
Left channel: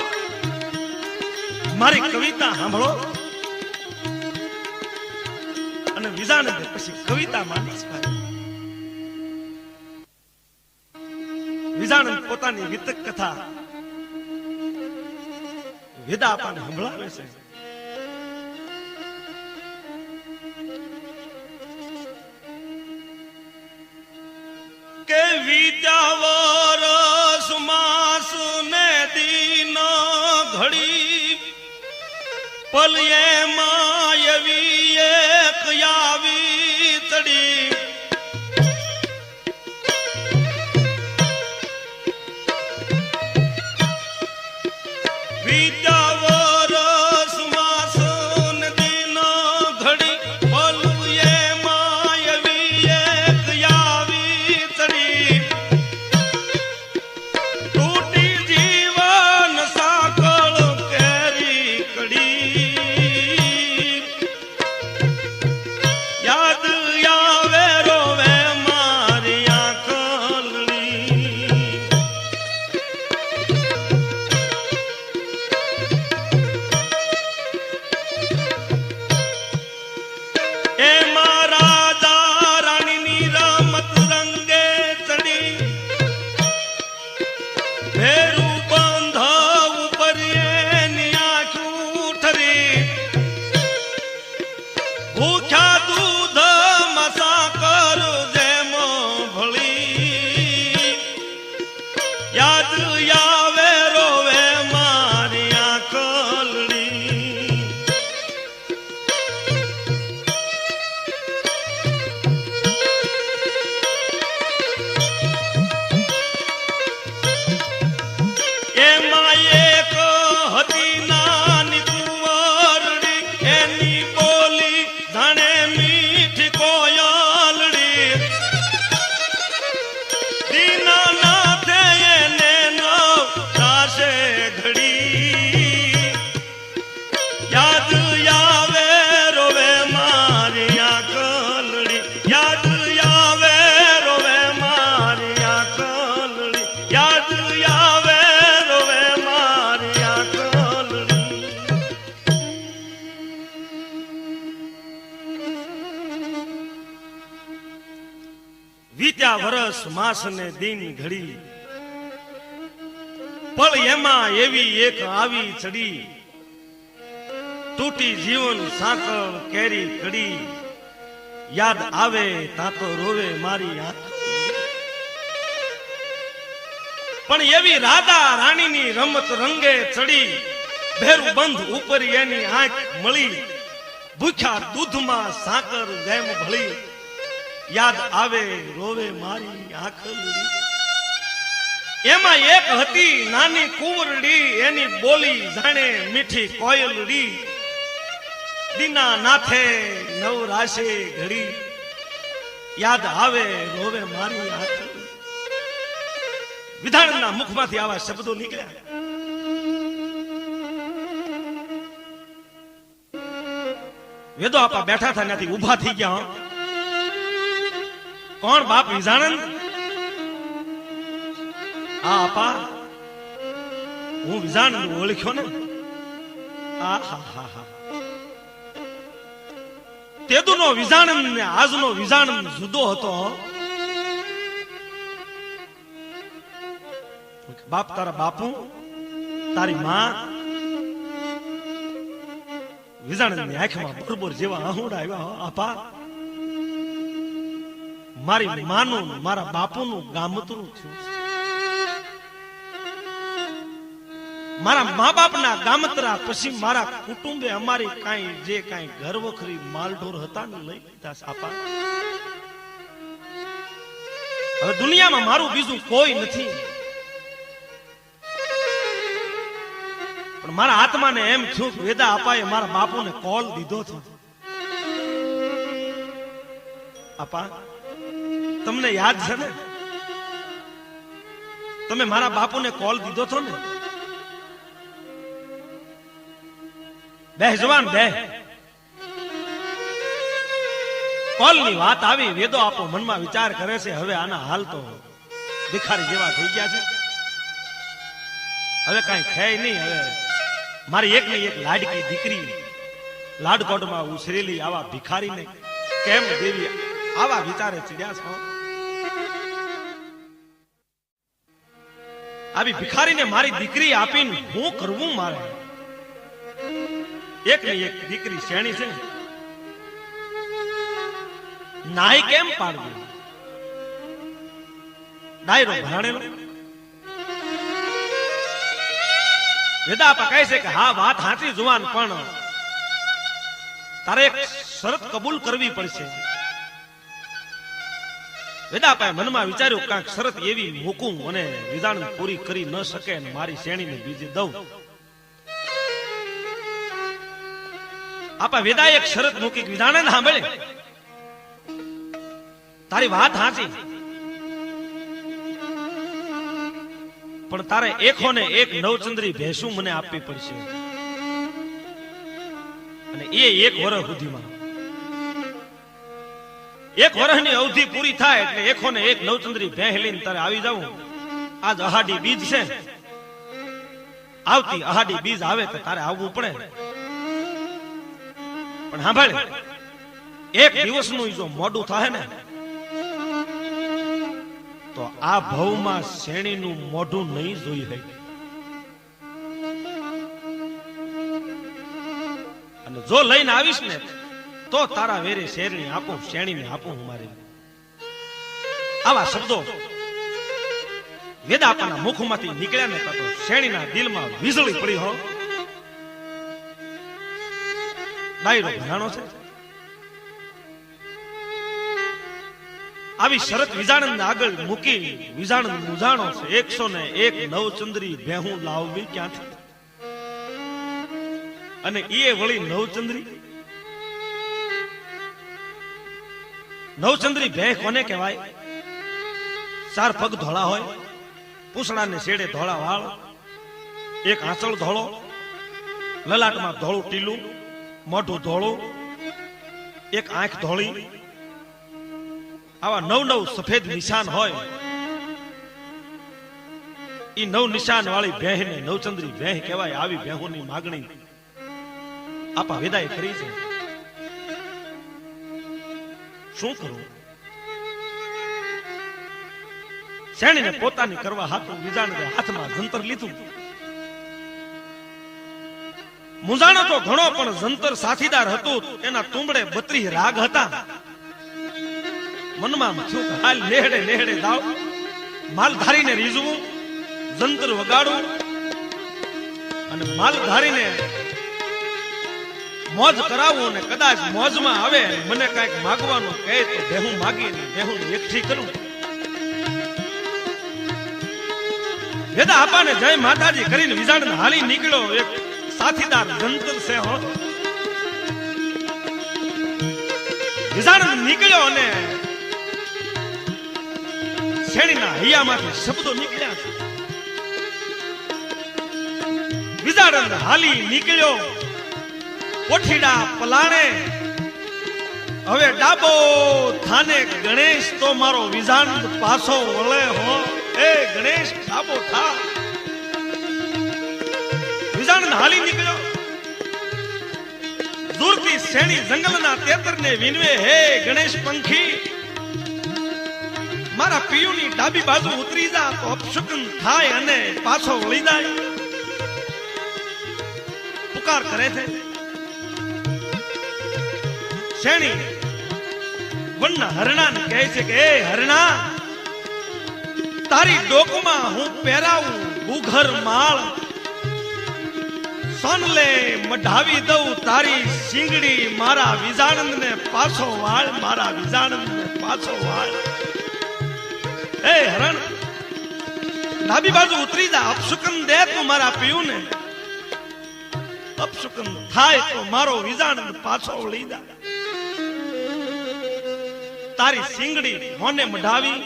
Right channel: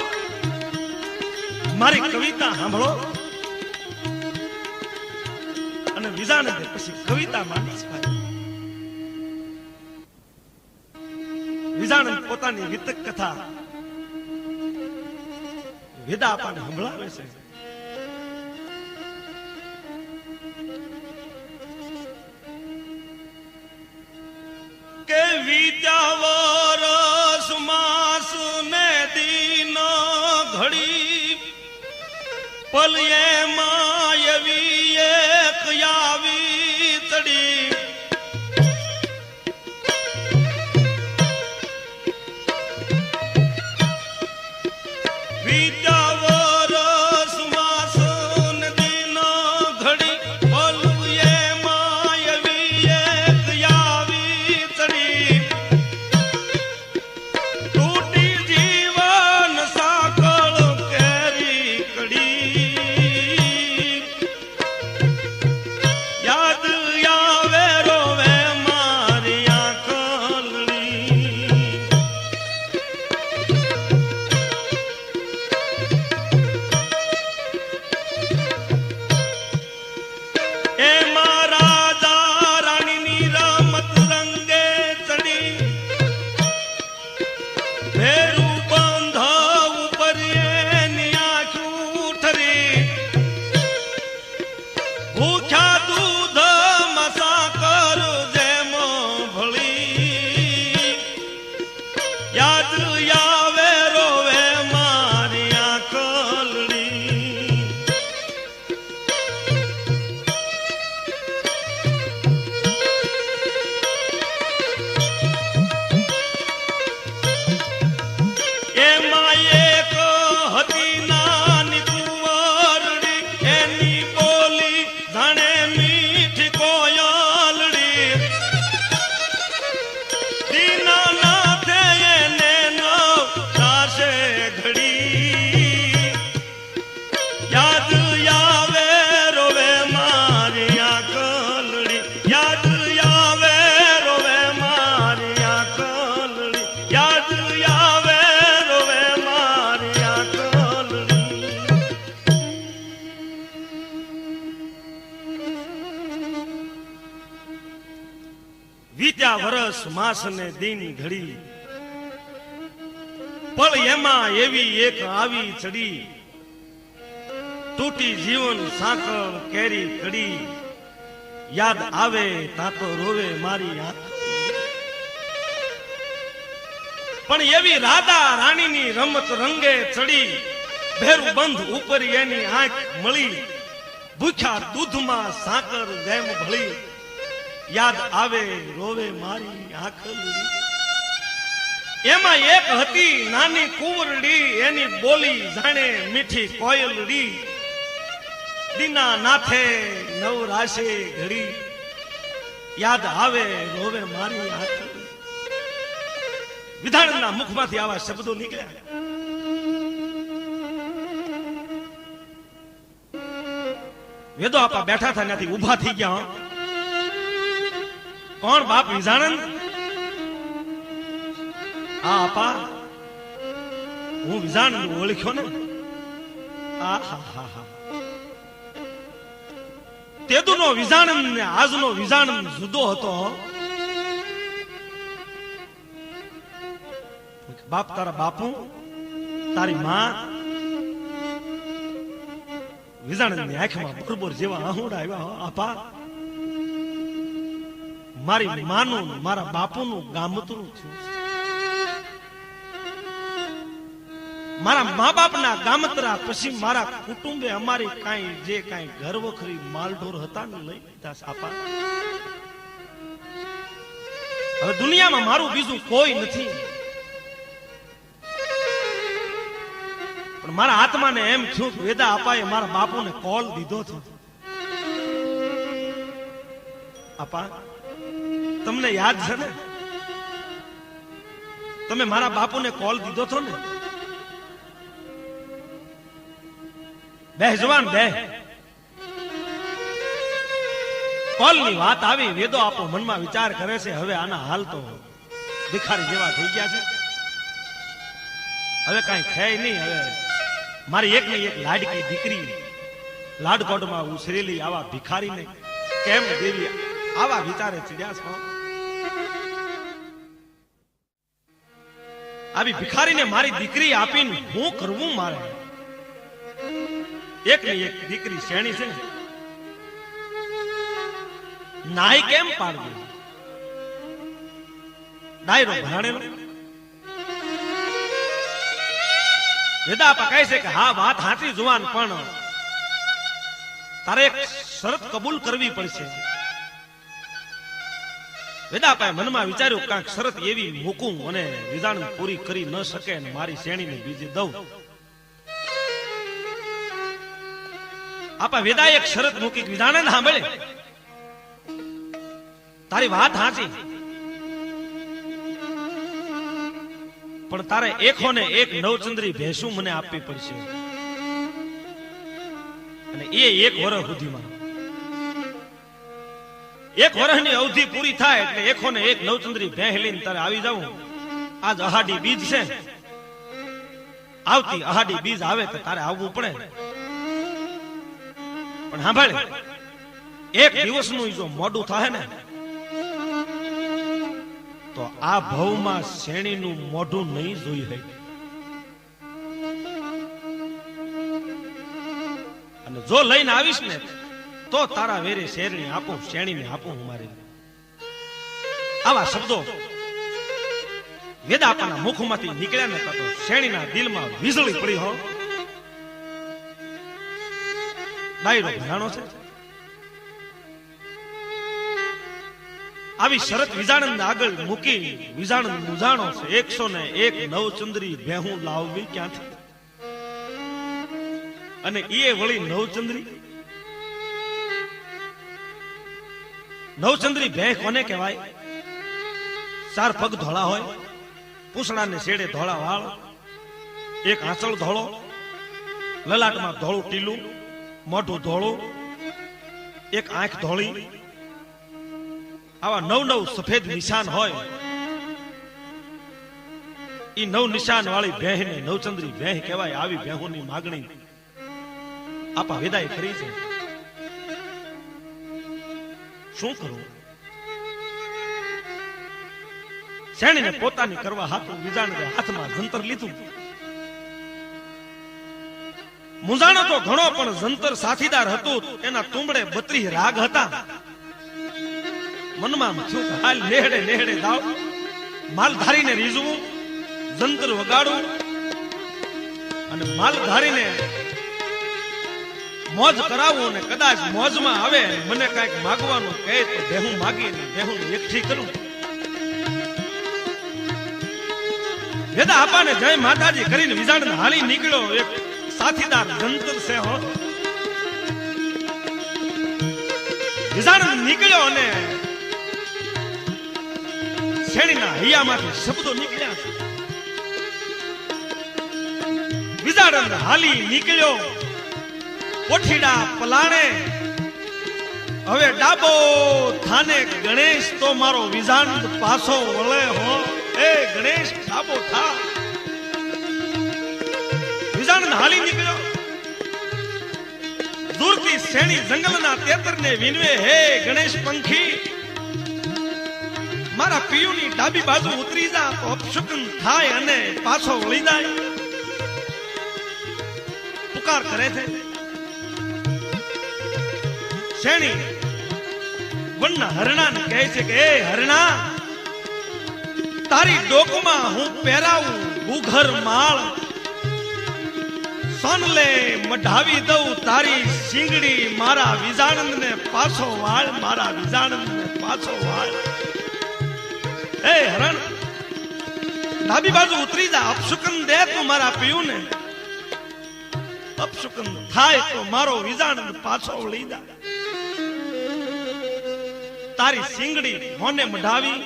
મારી કવિતા સાંભળો. અને વિજાનંદે પછી કવિતા માંડી. વિજાનંદ પોતાની વિતક કથા વેદા આપાને સંભળાવે છે. કે વીત્યા વરસ માસ ને દિન ઘડી પલયે માં એવી એક આવી ચડી વરસ માસ ને દિન ઘડી પળ એમાં એવી એક આવી ચડી તૂટી જીવન સાંકળ કેરી કડી યાદ આવે તાતો રોવે મારી આંખ પણ એવી રાધા રાણીની રમત રંગે ચડી ભેરું બંધ ઉપર એની આંખ મળી ભૂખ્યા દૂધમાં સાકર જેમ ભળી યાદ આવે રોવે મારી આંખલી એમાં એક હતી નાની કુંવરડી એની બોલી જાણે મીઠી કોયલડી દીના નાથે નવરાશે ઘડી યાદ આવે રોવે મારી આંખલી વિધાનના મુખમાંથી આવા શબ્દો નીકળ્યા વેદો આપા બેઠા હતા ત્યાંથી ઉભા થઈ ગયા કોણ બાપ વિજાણંદ આ આપા હું વિજાણંદ ઓળખ્યો ને તેદુનો વિજાણંદ ને આજનો વિજાણંદ જુદો હતો બાપ તારા બાપુ તારી માં વિજાણંદ ની આંખમાં બરોબર જેવા આહુડા આવ્યા આપા મારી માનું મારા બાપુનું ગામતરું થયું મારા મા બાપના ગામતરા પછી મારા કુટુંબે અમારી કાંઈ જે કાંઈ ઘર વખરી માલઢોર હતા ને લઈ લીધા આપા હવે દુનિયામાં મારું બીજું કોઈ નથી પણ મારા આત્માને એમ થયું કે વેદા આપાએ મારા બાપુને કોલ દીધો હતો આપા તમને યાદ છે ને તમે મારા બાપુને કોલ દીધો છો ને બે જવાન બે કોલ ની વાત આવી વેદો આપો મનમાં વિચાર કરે છે હવે આના હાલ તો ભિખારી જેવા થઈ ગયા છે હવે કઈ છે નહીં હવે મારી એક ને એક લાડકી દીકરી લાડકોટમાં ઉછરેલી આવા ભિખારીને કેમ દેવી આવા વિચારે ચડ્યા છો આવી ભિખારીને મારી દીકરી આપીને હું કરવું મારે એક ને એક દીકરી શેણી છે નાઈ કેમ પાડવી ડાયરો ભરાણેલો. વેદાપા કહે છે કે હા વાત સાચી જુવાન, પણ તારે એક શરત કબૂલ કરવી પડશે. વેદાપાએ મનમાં વિચાર્યું કાંઈક શરત એવી મૂકું અને વિધાન પૂરી કરી ન શકે અને મારી શ્રેણીને બીજી દઉં. આપા વેદાએ એક શરત મૂકી, વિધાને સાંભળે તારી વાત સાચી, પણ તારે એકો ને એક નવચંદ્રી ભેંસું મને આપવી પડશે, અને એ એક વર્ષ સુધીમાં. એક વર્ષની અવધિ પૂરી થાય એટલે એકો ને એક નવચંદ્રી ભેંસ લઈને તારે આવી જવું. આજ અહાડી બીજ છે, આવતી અહાડી બીજ આવે તો તારે આવવું પડે. પણ સાંભળે, એક દિવસનું જો મોડું થાય ને તો આ ભવમાં શેણીનું મોઢું નહીં જોઈ હોય. અને જો લઈને આવીશ ને તો તારા વેરે શેરણી આપું, શેણીને આપું હું મારી. આવા શબ્દો વેદાપાના મુખમાંથી નીકળ્યા ને તો શેણીના દિલમાં વીજળી પડી હો. ડાયરો ભરાણો છે. આવી શરત વિજાણંદ આગળ મૂકી વિજાણંદ મુજાણો છે. 101 નવચંદ્રી ભેહું લાવવી ક્યાંથી, અને એ વળી નવચંદ્રી ભેહ કોને કહેવાય? 4 પગ ધોળા હોય, પૂછડાને શેડે ધોળા વાળ, એક આંચળ ધોળો, લલાટમાં ધોળું ટીલું, મોઢું ધોળું, એક આંખ ધોળી, આવા 9 સફેદ નિશાન હોય. એ 9 નિશાન વાળી ભેંને નવચંદ્રી ભેહ કહેવાય. આવી ભેહોની માગણી આપા વેદાએ કરી છે. શું કરું? શેણીને પોતાની કરવા હાથું વિજાણને હાથમાં જંતર લીધું. મુજાણો તો ઘણો, પણ જંતર સાથીદાર હતું. એના તુંબડે 32 રાગ હતા. મનમાં થયું કે હાલ નેહડે નેહડે જાવ, માલધારીને રીઝવું, જંતર વગાડવું, અને માલધારીને મોજ કરાવું, અને કદાચ મોજમાં આવે મને કઈક માગવાનું કહે તો બેહું માગીને બેહું એકઠી કરું. વેદા આપાને જય માતાજી કરીને વિજાણને હાલી નીકળ્યો. એક સાથીદાર જંતર છે હો. વિજાણ નીકળ્યો અને શેણીના હૈયામાંથી શબ્દો નીકળ્યા. વિજાણ હાલી નીકળ્યો કોઠીડા પલાણે. હવે ડાબો થાને ગણેશ તો મારો વિજાણ પાછો વળે હો. એ ગણેશ ડાબો થા. વિજાણ હાલી નીકળ્યો. દૂરથી શેણી જંગલના તેતરને વિનવે. હે ગણેશ પંખી, મારા પિયુની ડાબી બાજુ ઉતરી જા તો અપશુકન થાય અને પાછો વળી જાય. પુકાર કરે છે. શેણી વનના હરણાને કહે છે કે એ હરણા, તારી ડોકમાં હું પહેરાવું ગુઘર માળ, સોનલે મઢાવી દઉં તારી શીંગડી. મારા વિજાણંદને પાછો વાળ, મારા વિજાણંદને પાછો વાળ. એ હરણ, ડાબી બાજુ ઉતરી જા, અપશુકન દે તું મારા પિયુને. અપશુકન થાય તો મારો વિજાણંદ પાછો વળી જા. તારી શીંગડી મોને મઢાવી.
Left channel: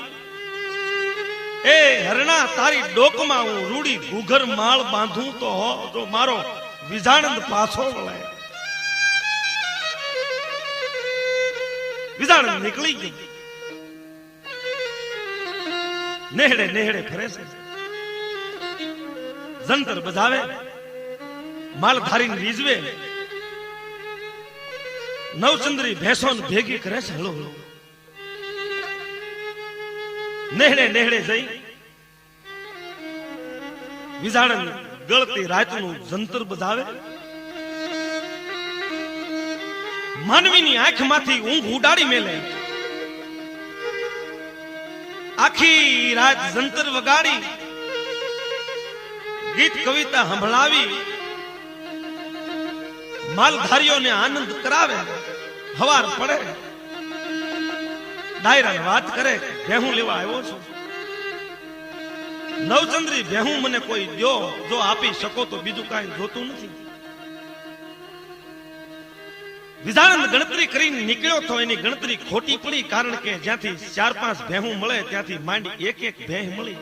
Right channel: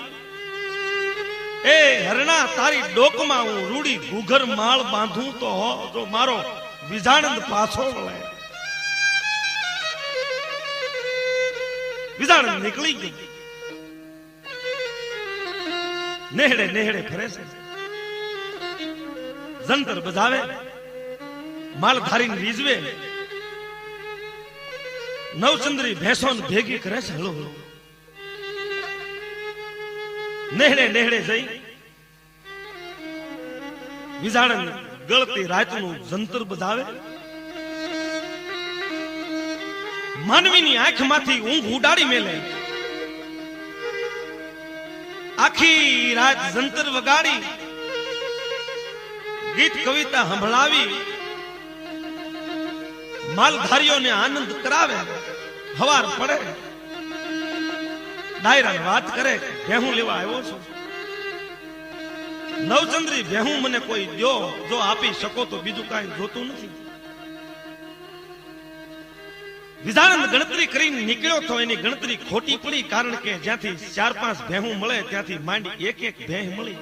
એ હરણા, તારી ડોકમાં હું રૂડી ઘૂઘર માળ બાંધું તો જો મારો વિજાણંદ પાછો વળાય. વિજાણંદ નીકળી ગઈ. નેહડે નેહડે ફરે છે. જંતર બજાવે, માલધારી રીઝવે, નવચંદ્રી ભેંસો ભેગી કરે છે. હળો હળો નેહડે નેહડે જઈ વિજાણંદ ગળતી રાતનું જંતર બજાવે. માનવીની આંખમાંથી ઊંઘ ઉડાડી મેલે. આખી રાત જંતર વગાડી ગીત કવિતા સંભળાવી માલધારીઓને આનંદ કરાવે. હવાર પડે ડાયરા વાત કરે, ભેહું લેવા આવ્યો છું, નવચંદ્રી ભેહું મને કોઈ દો, જો આપી શકો તો બીજું કાંઈ જોતું નથી. વિજાણંદ ગણતરી કરીને નીકળ્યો તો એની ગણતરી ખોટી પડી, કારણ કે જ્યાંથી 4-5 ભેહું મળે ત્યાંથી માંડી એક ભેહ મળી.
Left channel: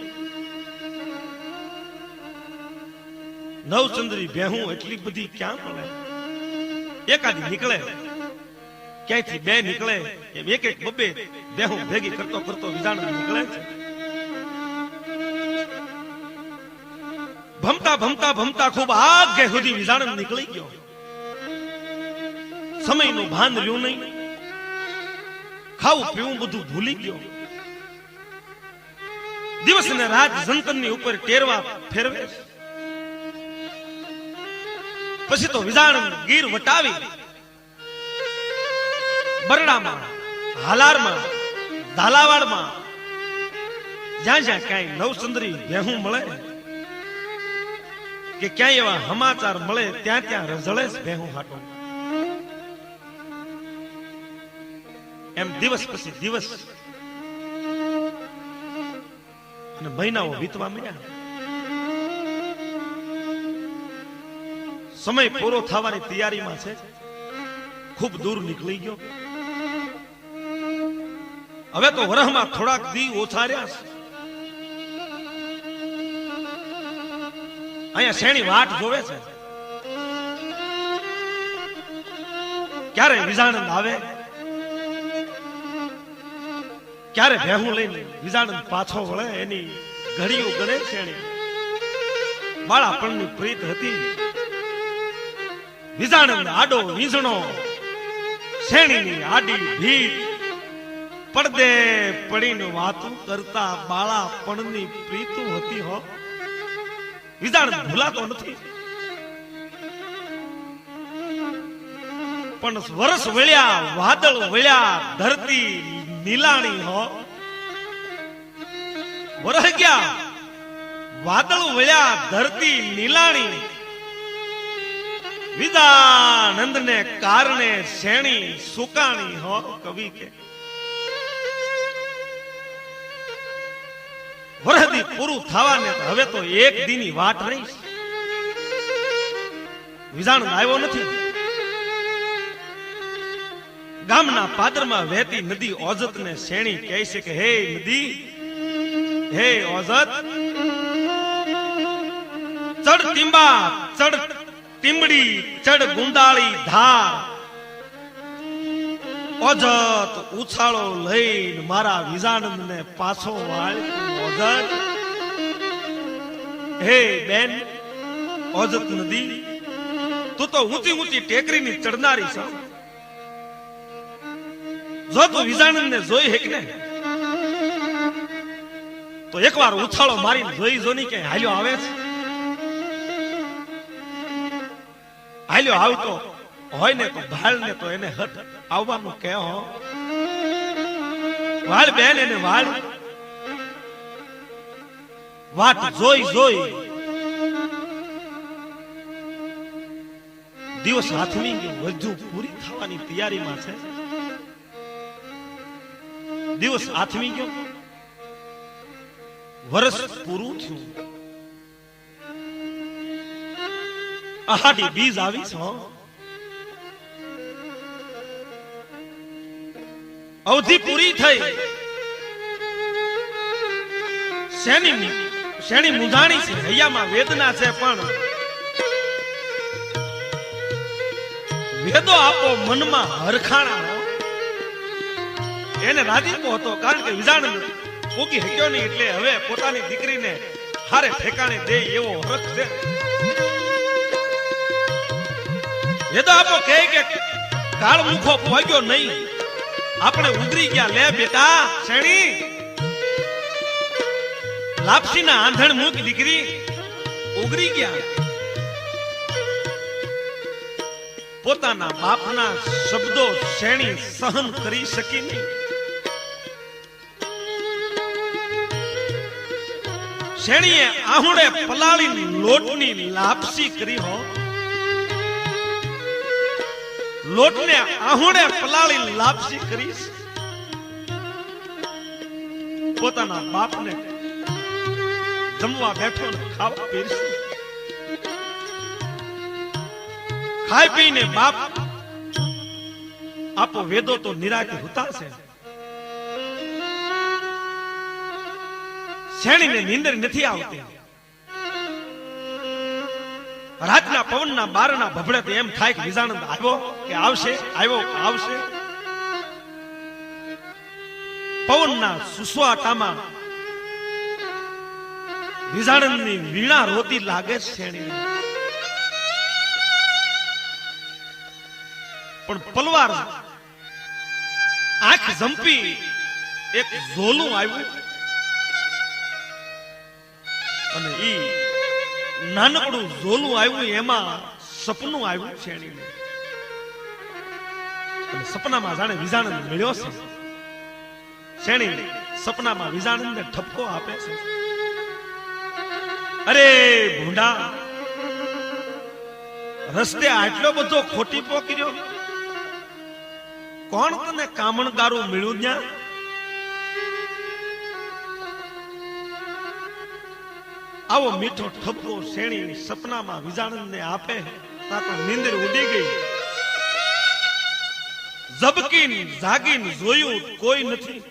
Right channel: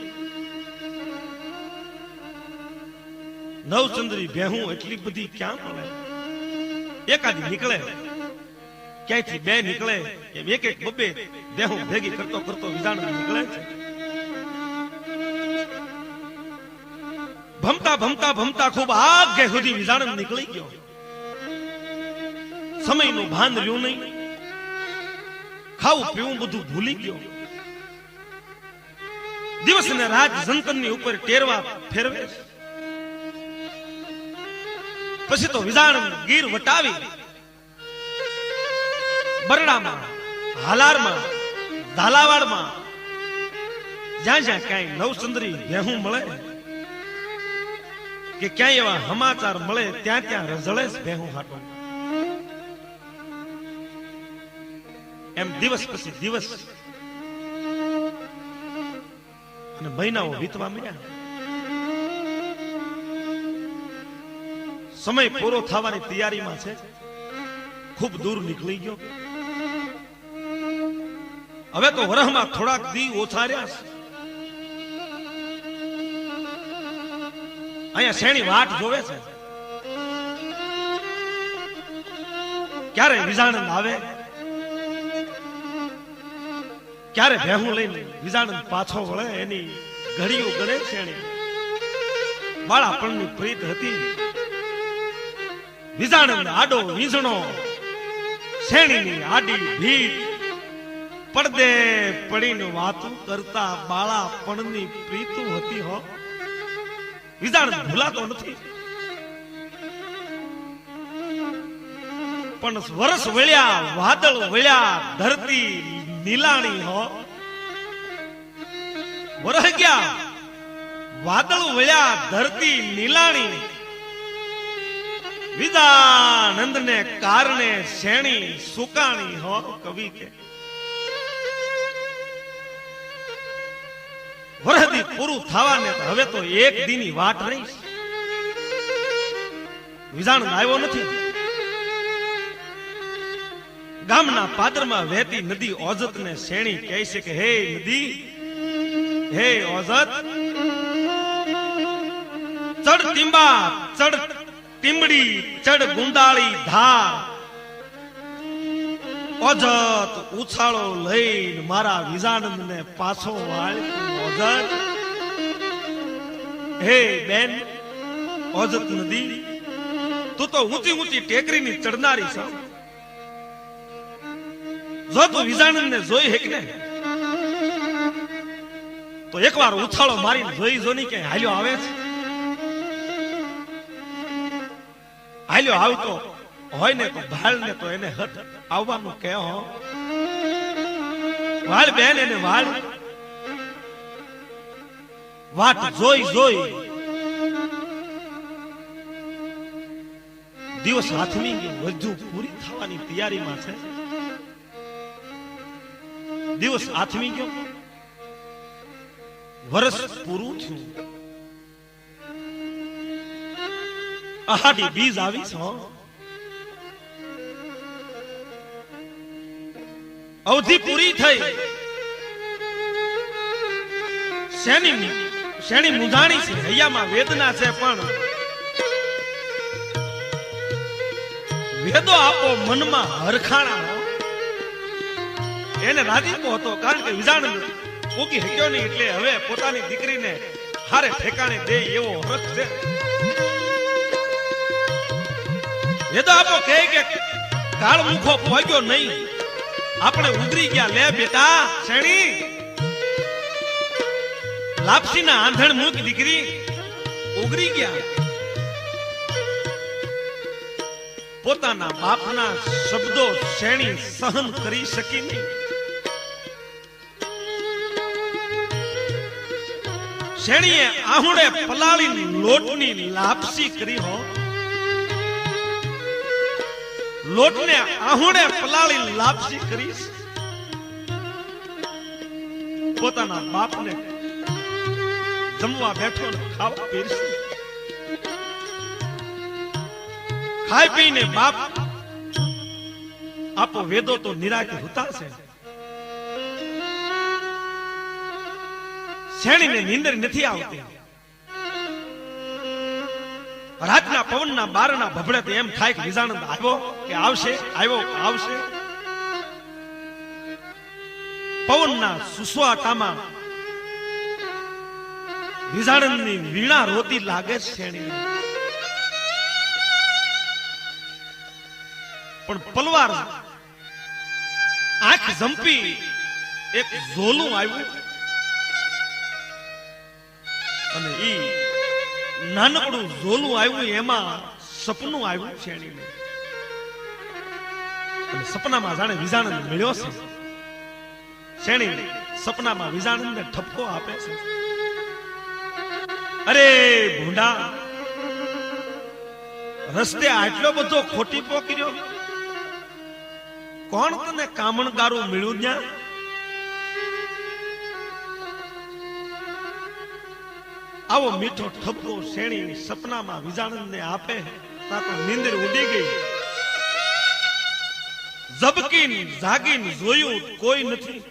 નવચંદ્રી ભેહું એટલી બધી ક્યાં મળે? એકાદ નીકળે, ક્યાંયથી 2 નીકળે, એમ એક બબે ભેહું ભેગી કરતો કરતો વિજાણંદ નીકળે છે. ભમતા ભમતા ભમતા ખૂબ આગે સુધી વિજાણંદ નીકળી ગયો. સમયનું ભાન રહ્યું નહીં, ખાવું પીવું બધું ભૂલી ગયો. દિવસ ને રાત જંતરની ઉપર ટેરવા ફેરવે. પછી તો વિજાણંદ ગીર વટાવી બરડામાં, હાલારમાં, ઝાલાવાડમાં જ્યાં જ્યાં ક્યાંય નવચંદ્રી ભેહું મળે કે ક્યાંય એવા સમાચાર મળે ત્યાં ત્યાં રઝળે ભેહું હાટો. એમ દિવસ પછી દિવસ અને મહિનાઓ વીતવા મળ્યા. સમય પૂરો થવાની તૈયારીમાં છે, ખૂબ દૂર નીકળી ગયો. હવે તો વરહમાં થોડાક દી ઓછા રહ્યા છે. અહીંયા શેની વાટ જોવે છે, ક્યારે વિજાણંદ આવે, ક્યારે ભેહું લઈને વિજાણંદ પાછો વળે. એની ઘડીઓ ગણે શેણી. બાળાપણની પ્રીત હતી. વિજાણંદ આડો વીંઝણો, શેણીની આડી ભીત, પડદે પડીને વાતું કરતા બાળાપણની પ્રીતું હતી. હો, વિજાણંદ ભૂલાતો નથી. પણ વરસ વળ્યા, વાદળ વળ્યા, ધરતી નીલાણી. હો, વરહ ગયા, વાદળ વળ્યા, ધરતી નીલાણી. વિજાણંદ ને કારણે શેણી સુકાણી. હો, કવિ છે. વરહદી પૂરું થવાને હવે તો એક દીની વાત રહી. વિજાણંદ આવ્યો નથી. ગામના પાદરમાં વહેતી નદી ઓજત ને શેણી કહે છે કે હે નદી, હે ઓજત, ચડ ટીંબા, ચડ ટીમડી, ચડ ગુંડાળી ધાર. ઓજત ઉછાળો લઈને મારા વિજાણંદ ને પાછો વાળ. ઓજત, હે બેન ઓજત નદી, તું તો ઊંચી ઊંચી ટેકરીની ચડનારી છે. જો તું વિજાણંદ ને જોઈ હેક ને તો એકવાર ઉછાળો મારીને જોઈ જો ની કે હાલ્યો આવે છે. હાલ્યો આવતો હોય ને તો ભાળ ને તો એને હટ આવવાનું કે હો. વાળ બેન, એને વાળ વાટ જોઈ જોઈ દિવસ હાથમી ગયો. વધુ પૂરી થવાની તૈયારીમાં છે. દિવસ આથમી ગયો, વર્ષ પૂરું થયું. આહાડી બીજ આવી છે. અવધિ પૂરી થઈ. શેણી મુંજાણી છે, હૈયામાં વેદના છે, પણ વેદો આપો મનમાં હરખાણા. એને રાજીપો હતો, કારણ કે વિજાણંદ મૂકી શક્યો નહીં, એટલે હવે પોતાની દીકરીને હારે ઠેકાણે દે એવો હરખ છે. વેદો આપો કહે કે કાળ મુખો પહોંચ્યો નહીં, આપણે ઉગરી ગયા. લે બેટા શેણી, લાપસીના આંધણ મુખ દીકરી ઉગરી ગયા. પોતાના બાપના શબ્દો શેણી સહન કરી શકી નહીં. શેણીએ આહુડે પલાળી લોટની લાપસી કરી હો, લોટને આહુડે પલાળી લાપસી કરી પોતાના બાપને જમવા બેઠો ને ખાવા પીરસી, ખાઈ પીને બાપ આપો વેદો તો નિરાતે ઉતારશે. શેણીને નીંદર નથી આવતી. રાતના પવનના બારના ભભડે તો એમ થાય કે વિજાનંદ આવ્યો કે આવશે, આવ્યો આવશે. પવનના સુસવાટામાં વિજાનંદની વીણા રોતી લાગે શેણી. પણ પલવાર આંખ જંપી એક ઝોલું આવ્યું અને ઈ નાનકડું ઝોલું આવ્યું, એમાં સપનું આવ્યું શેણીને. અને સપનામાં જાણે વિજાનંદ મળ્યો છે. શેણી સપનામાં વિજાનંદને ઠપકો આપે છે, અરે ભૂંડા, રસ્તે આટલો બધો ખોટી પોકર્યો, કોણ તને કામણગારું મળ્યું ત્યાં? આવો મીઠો ઠપકો શેણી સપનામાં વિજાનંદને આપે. તા તો નીંદર ઉડી ગઈ. ઝબકીને જાગીને જોયું કોઈ નથી.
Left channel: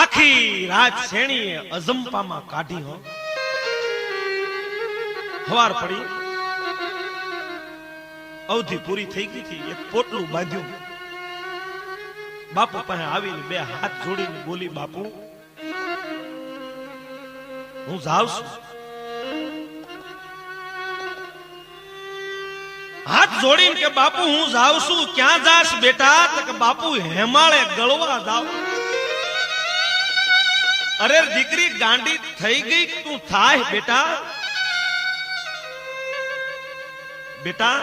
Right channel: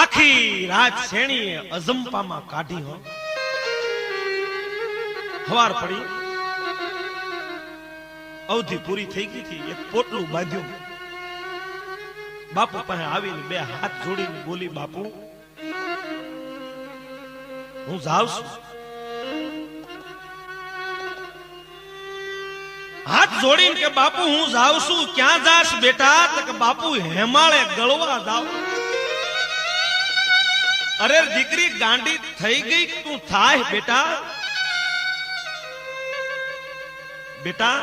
આખી રાત શેણીએ અજંપામાં કાઢી હો. સવાર પડી, અવધિ પૂરી થઈ ગઈ હતી. એક પોટલું બાંધ્યું. બાપુ પાસે આવીને બે હાથ જોડીને બોલી, બાપુ હું જાઉં છું. હાથ જોડીને કે બાપુ હું જાઉં છું. ક્યાં જાશ બેટા? તો કે બાપુ હેમાળે ગળવા જાઉં. અરે દીકરી ગાંડી થઈ ગઈ તું થાય બેટા. બેટા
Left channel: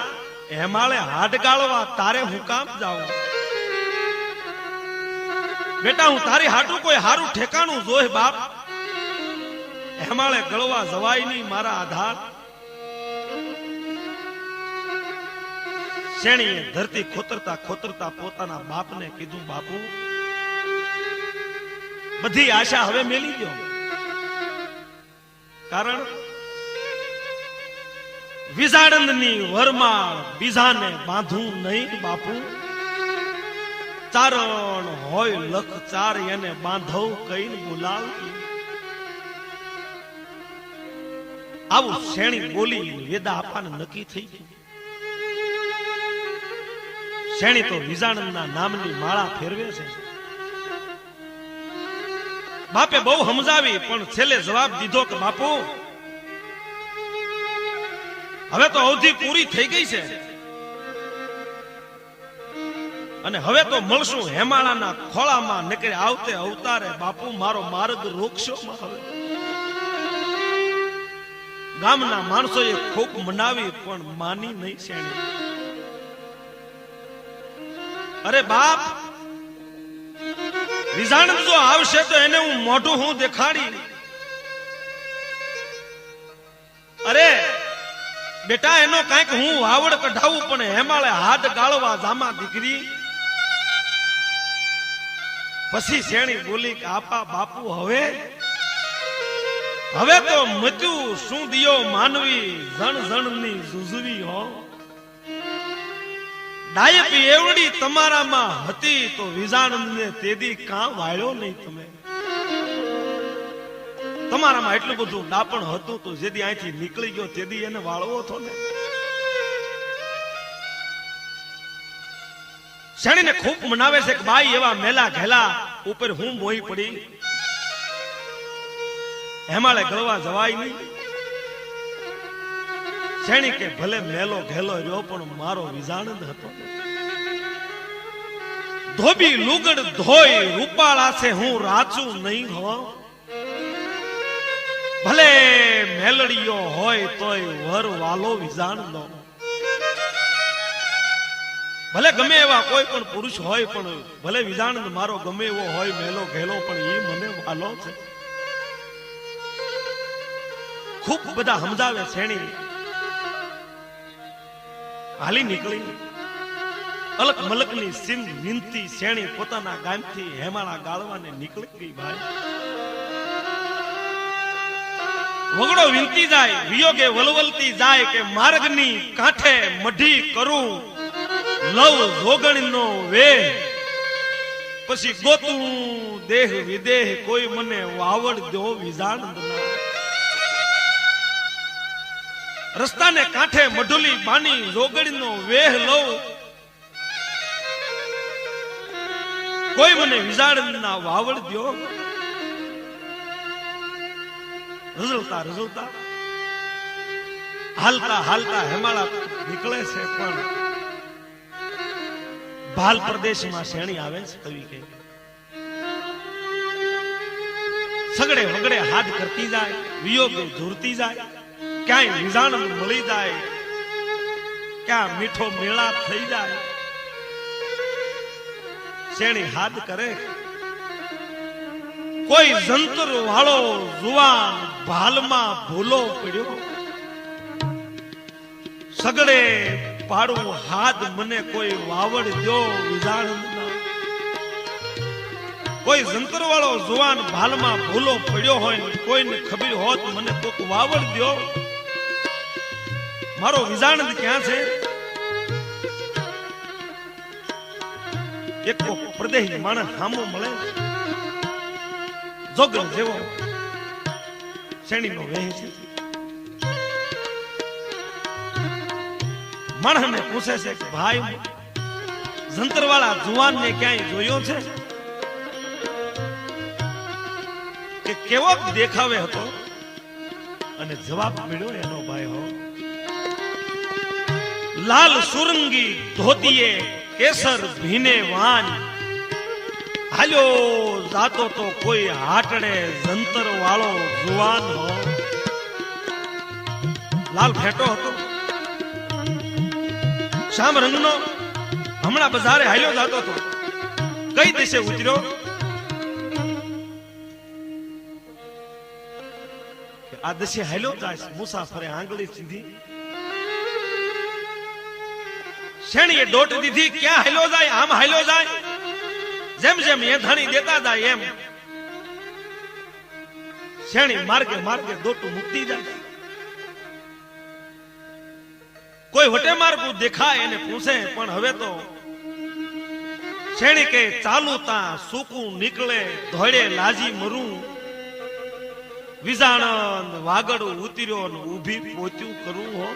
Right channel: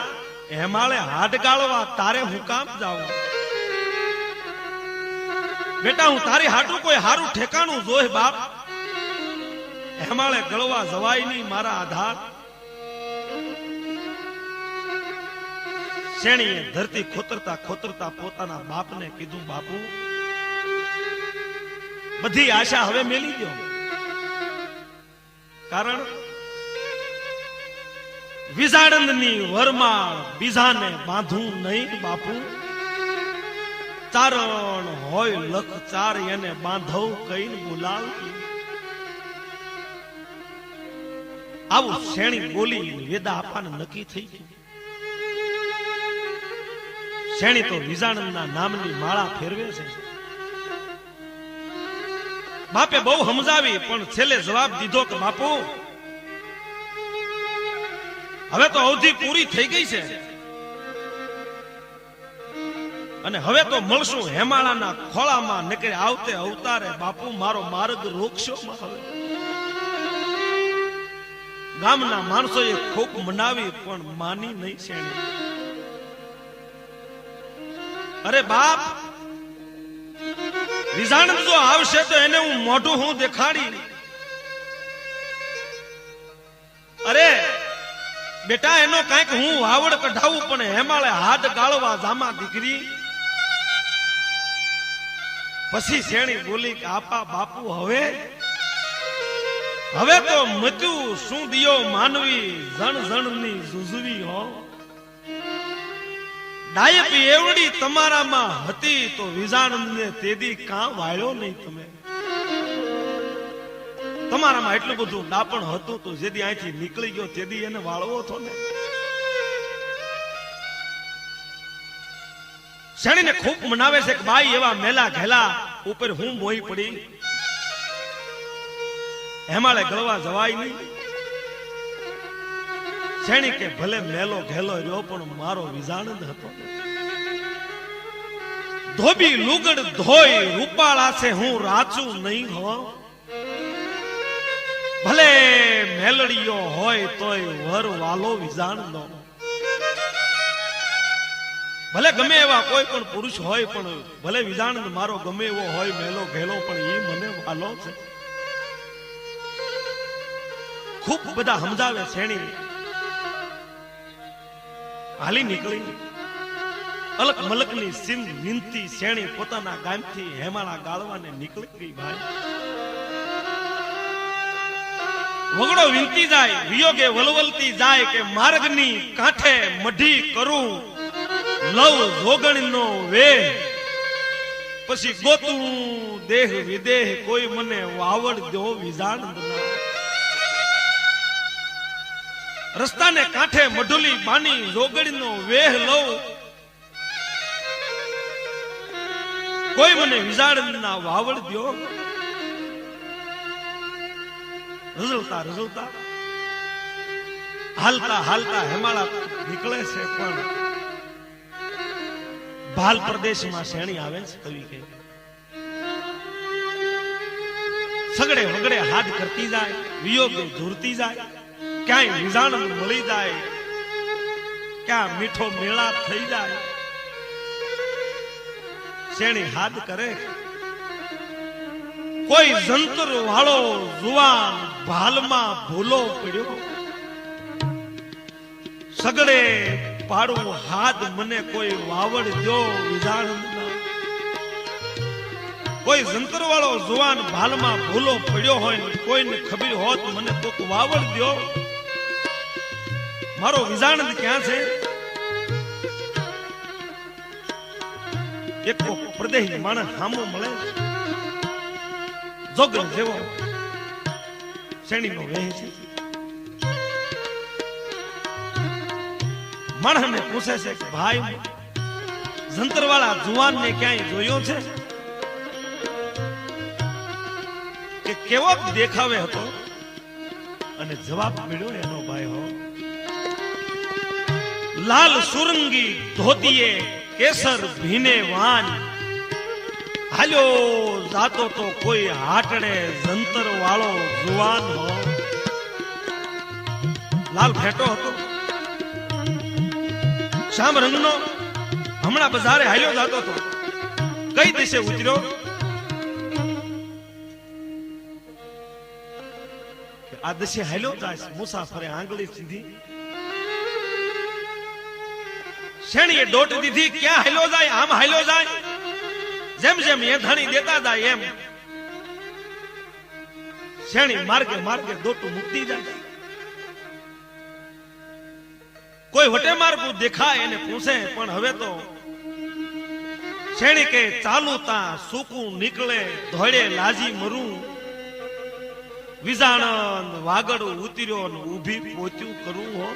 હેમાળે હાડ ગાળવા તારે હું કામ જાઉં? બેટા હું તારી હાટું કોઈ હારું ઠેકાણું જોઈ બાપ. હેમાળે ગળવા જવાય નહીં મારા આધાર. શેણીએ ધરતી ખોતરતા ખોતરતા પોતાના બાપને કીધું, બાપુ બધી આશા હવે મેલી ગયો. કારણ વિજાણંદની વરમાં બીજાને બાંધું નહીં બાપુ. ચારણ હોય લખ ચાર એને બાંધવ કઈ બોલાવતી. આવું શેણી બોલી વેદા આપવાને નક્કી થઈ ગયું. શેણી તો વિજાણંદના નામની માળા ફેરવે છે. બાપે બહુ સમજાવી પણ છેલ્લે જવાબ દીધો કે બાપુ હવે તો અવધિ પૂરી થઈ ગઈ છે અને હવે તો મળશું હેમાળાના ખોળામાં. નીકળે આવતે અવતારે બાપુ મારો માર્ગ રોકશો. હવે ગામના માણસોએ ખૂબ મનાવી પણ માની નહીં શેણી. અરે બાપ, વિજાણંદ જો આવશે તો એને હું મોઢું હું દેખાડી. અરે બેટા એનો કાંઈક હું વાવડ કઢાવું પણ હેમાળે હાથ ગાળવા જામા દીકરી. પછી શેણી બોલી કે આપા બાપુ હવે તો મચ્યું શું દિયો માનવી જણ જણની જુજવી હો. ડાયપ એવડી તમારામાં હતી તો વિજાણંદને તેદી કાં વાળ્યો નહીં તમે? તમારામાં એટલું બધું ડાપણ હતું તો જેદી અહીંથી નીકળી ગયો તેદી એને વાળવો હતો ને. શેણીને ખૂબ મનાવે છે કે ભાઈ એવા મેલા ઘેલા ઉપર હું મોઈ પડી. હેમાળે ગળવા જવાય નહીં. શેણી કે ભલે મેલો ઘેલો રહ્યો પણ મારો વિજાણંદ હતો. ધોબી લુગડ ધોઈ રૂપાળા છે હું રાચું નહીં હો. ભલે મેલડીયો હોય તોય વર વાલો વિજાણંદો. ભલે ગમે એવા કોઈ પણ પુરુષ હોય, પણ ભલે વિજાણંદ મારો ગમે એવો હોય મેલો ઘેલો, પણ એ મને વાલો છે. ખૂબ બધા સમજાવે શેણી, હાલી નીકળી અલક મલકની સિંહ નિંતી શેણી પોતાના ગામથી હેમાળા ગાળવાને નીકળી ગઈ. ભાઈ વગડો વીંટી જાય, વિયોગે વલવલતી જાય કે માર્ગની કાંઠે મઢી કરું લવ જોગણીનો વેહ, પછી ગોતું દેહ વિદેહ કોઈ મને વાવડ દો વિજાણંદના. રસ્તાને કાંઠે મઢુલી બાની જોગણીનો વેહ લઉં, કોઈ મને વિજાણંદના વાવડ દો. રઝળતા રઝળતા હાલતા હાલતા હેમાળા નીકળે છે, પણ ભાલ પ્રદેશમાં શેણી આવે છે. તરીકે સગડે વગડે હાથ કરતી જાય, વિયોગે ઝૂરતી જાય, ક્યાંય વિજાણંદ મળી જાય, ક્યાં મીઠો મેળાપ થઈ જાય. શેણી હાથ કરે, કોઈ જંતર વાળો જુવાન ભાલમાં ભૂલો પડ્યો, સગડે પાડું હાથ મને કોઈ વાવડ દો વિજાણંદના. કોઈ જંતર વાળો જુવાન ભાલમાં ભૂલો પડ્યો હોય, કોઈને ખબર હોત મને કોક વાવડ દો. મારો વિજાણંદ ક્યાં છે? એક પ્રદેશ માણસ સામો મળે, જોગણ જેવો શેણીનો વેહ છે. માણસને પૂછે છે કે ભાઈ જંતરવાળા જુવાનને ક્યાંય જોયો છે? કે કેવો દેખાવે હતો? અને જવાબ મળ્યો એનો ભાઈ હો, લાલ સુરંગી ધોતીએ કેસર ભીને વાન, હાલ્યો જાતો તો કોઈ હાટડે જંતર વાળો જુવાન હો. લાલ ફેટો હતો, શામ રંગનો, હમણાં બજારે હાલ્યો જાતો હતો. કઈ દિશે ઉતર્યો? આ દિશે હાલ્યો જાય, મુસાફરે આંગળી સીધી. શેણીએ દોટ દીધી, ક્યાં હાલ્યો જાય? આમ હાલ્યો જાય. જેમ જેમ એ ધણી દેતા જાય એમ શેણી માર્ગે માર્ગે દોટું મૂકતી જાય. કોઈ વટે માર્ગું દેખાય એને પૂછે, પણ હવે તો શેણી કે ચાલુ તા સૂકું નીકળે, ધોળે લાજી મરું. વિજાણંદ વાગડું ઉતર્યો ને ઊભી પોત્યું કરું હો.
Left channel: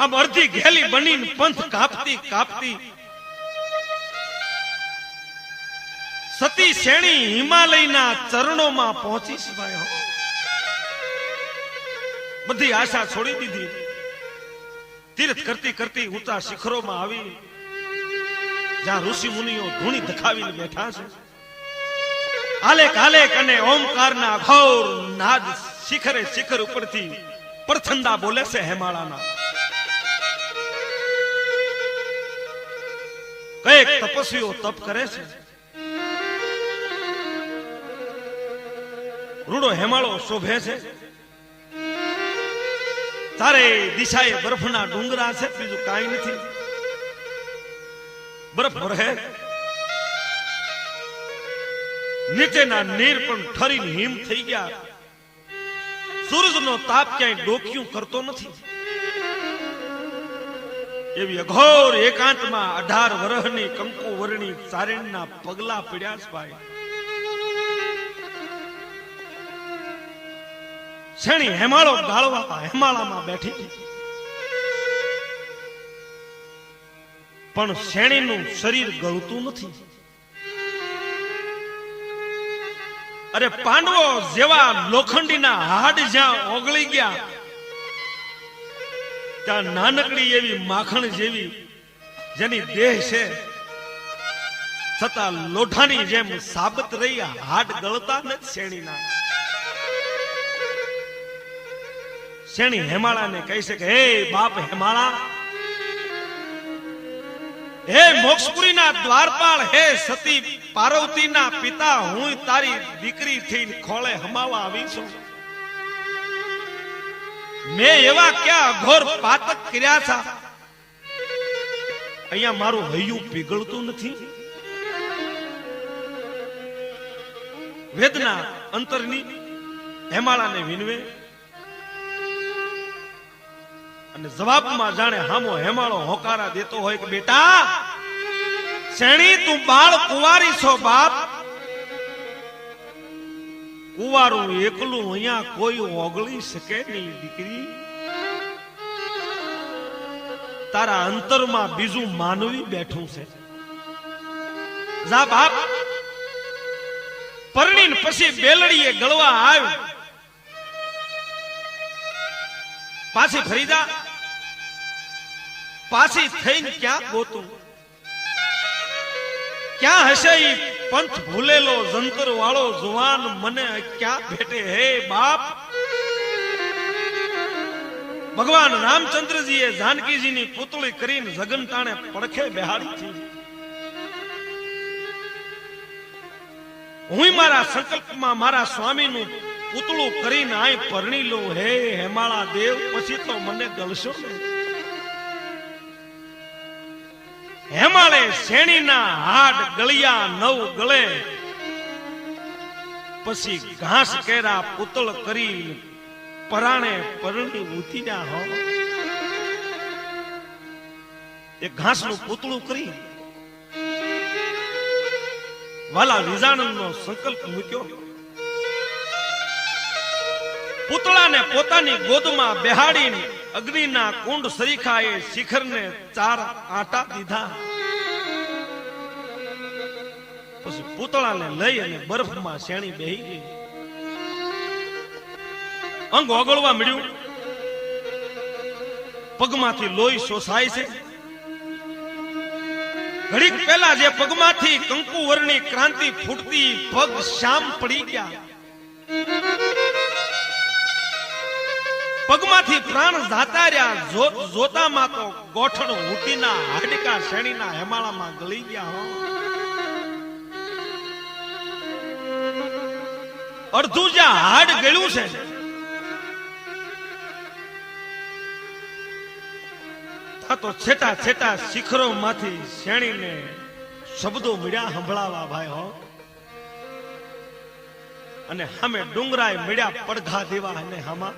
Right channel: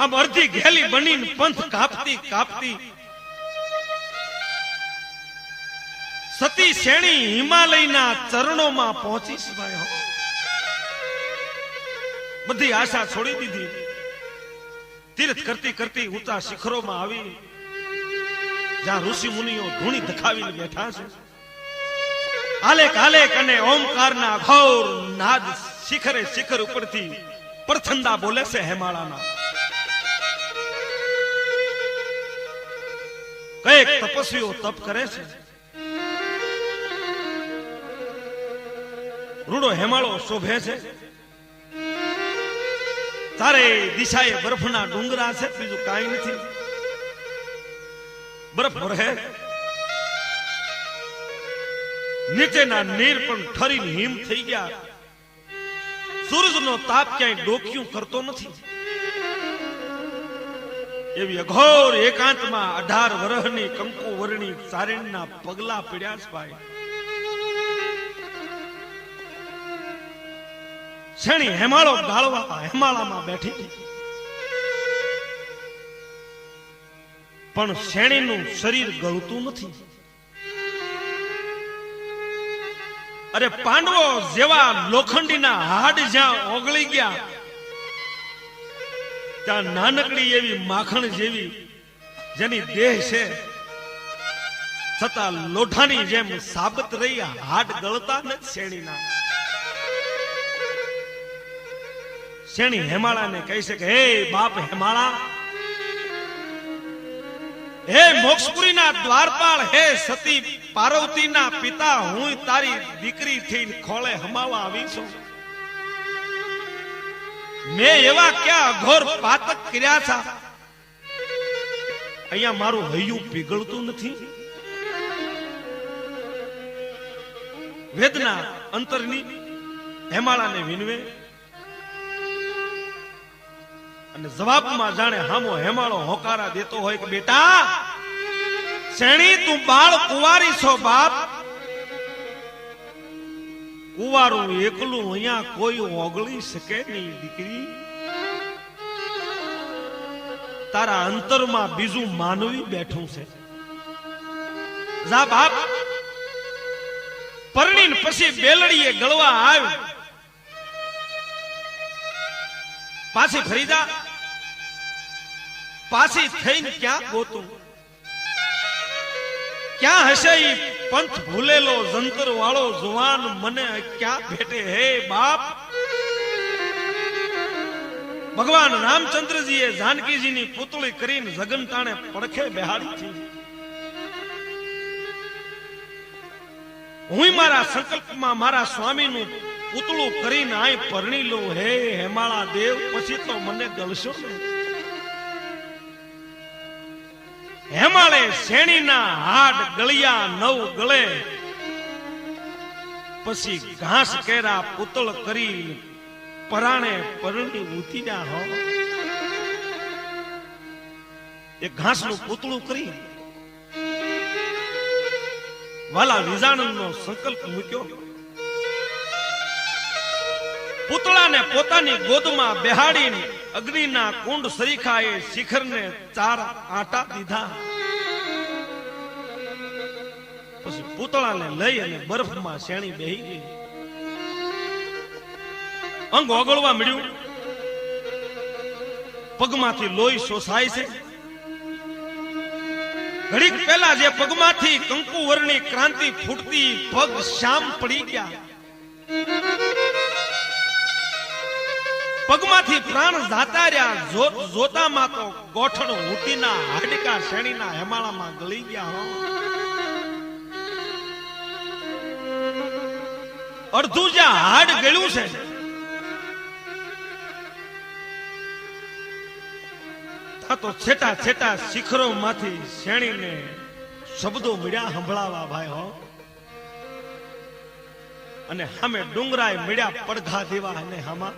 આમ અડધી ઘેલી બનીને પંથ કાપતી કાપતી સતી શેણી હિમાલયના ચરણોમાં પહોંચી. ભાઈ બધી આશા છોડી દીધી, તીર્થ કરતી કરતી ઊંચા શિખરોમાં આવી, જ્યાં ઋષિ મુનિઓ ધૂણી ધખાવીને બેઠા છે. આલેક આલેક અને ઓમકારના ઘોર નાદ શિખરે શિખર ઉપરથી પરથંડા બોલે છે હેમાળાના. કઈક તપસ્વીઓ તપ કરે છે. રૂડો હેમાળો શોભે છે, તારે દિશાએ બરફના ડુંગરા છે, બીજું કાંઈ નથી. બરફ ભરે, નીચેના નીર પણ ઠરીને હિમ થઈ ગયા. સૂરજનો તાપ ક્યાંય ડોક્યું કરતો નથી. એવી અઘોર એકાંતમાં 18 વર્ષની કંકુ વર્ણી તારીણના પગલા પડ્યા છે. ભાઈ શેણી હેમાળો ગાળવા હેમાળામાં બેઠી, પણ શેણીનું શરીર ગળતું નથી. અરે પાંડવો જેવા લોખંડીના હાડ જ્યાં ઓગળી ગયા, ત્યાં નાનકડી એવી માખણ જેવી જેની દેહ છે, છતાં લોઢાની જેમ સાબત રહી, હાડ ગળતા નથી શેણીના. શેણી હેમાળાને કહી છે કે હે બાપ હેમાળા, હે મોક્ષપુરીના દ્વારપાળ, હે સતી પાર્વતીના પિતા, હું તારી દીકરી થઈને ખોળે હમાવા આવી છું. મેં એવા ક્યાં અઘોર પાતક કર્યા છે, અહીંયા મારું હૈયું પીગળતું નથી. વેદના અંતરની હેમાળાને વિનવે અને જવાબમાં જાણે હામો હેમાળો હોકારા દેતો હોય કે બેટા શેણી તું બાળ કુંવારી છો બાપ. કુંવારું એકલું અહીંયા કોઈ ઓગળી શકે નહીં દીકરી. તારા અંતરમાં બીજું માનવી બેઠું છે. જા બાપ. પરણીને પછી બેલડીએ ગળવા આવ્યું. પાછી ફરી જા. પાછી થઈને ક્યાં ગોતું? ક્યાં હશે ઈ પંથ ભૂલેલો જંતર વાળો જુવાન મને ક્યાં ભેટે? હે બાપ. ભગવાન રામચંદ્રજીએ જાનકીજીની પુતળી કરીને જગન ટાણે પડખે બેહાડી છે. હું મારા સંકલ્પમાં મારા સ્વામીનું પુતળું કરીને આય પરણી લઉં. હે હેમાળા દેવ, પછી તો મને ગલશો નહીં. હેમાળે શેણીના હાડ ગળિયા નવ ગળે, પછી ઘાસ કેરા પુતળ કરી પરાણે પરણી ઉતર્યા. હો એ ઘાસનું પુતળું કરી વાલા વિજાણનનો સંકલ્પ મૂક્યો. પુતળાને પોતાની ગોદમાં બેહાડીને અગ્નિના કુંડ સરીખાએ શિખરને 4 આંટા દીધા. પછી પુતળાને લઈ અને બરફમાં શેણી બેહી ગઈ. અંગ ઓગળવા મળ્યું. પગમાંથી લોહી શોષાય છે. ઘડીક પહેલા જે પગમાંથી કંકુ વર્ણની ક્રાંતિ ફૂટતી, પગ શામ પડી ગયા. પગમાંથી પ્રાણ જાતા રહ્યા. જોતામાં તો ગોઠણ ઊંટીના હાડકા શેણીના હેમાળામાં ગળી ગયા. હો અડધું જ્યાં હાડ ગળ્યું છે, તો છેટા છેટા શિખરો માંથી શેણીને શબ્દો મળ્યા સંભળાવા ભાઈ. હો અને સામે ડુંગરાય મળ્યા પડઘા દેવા. અને હામાં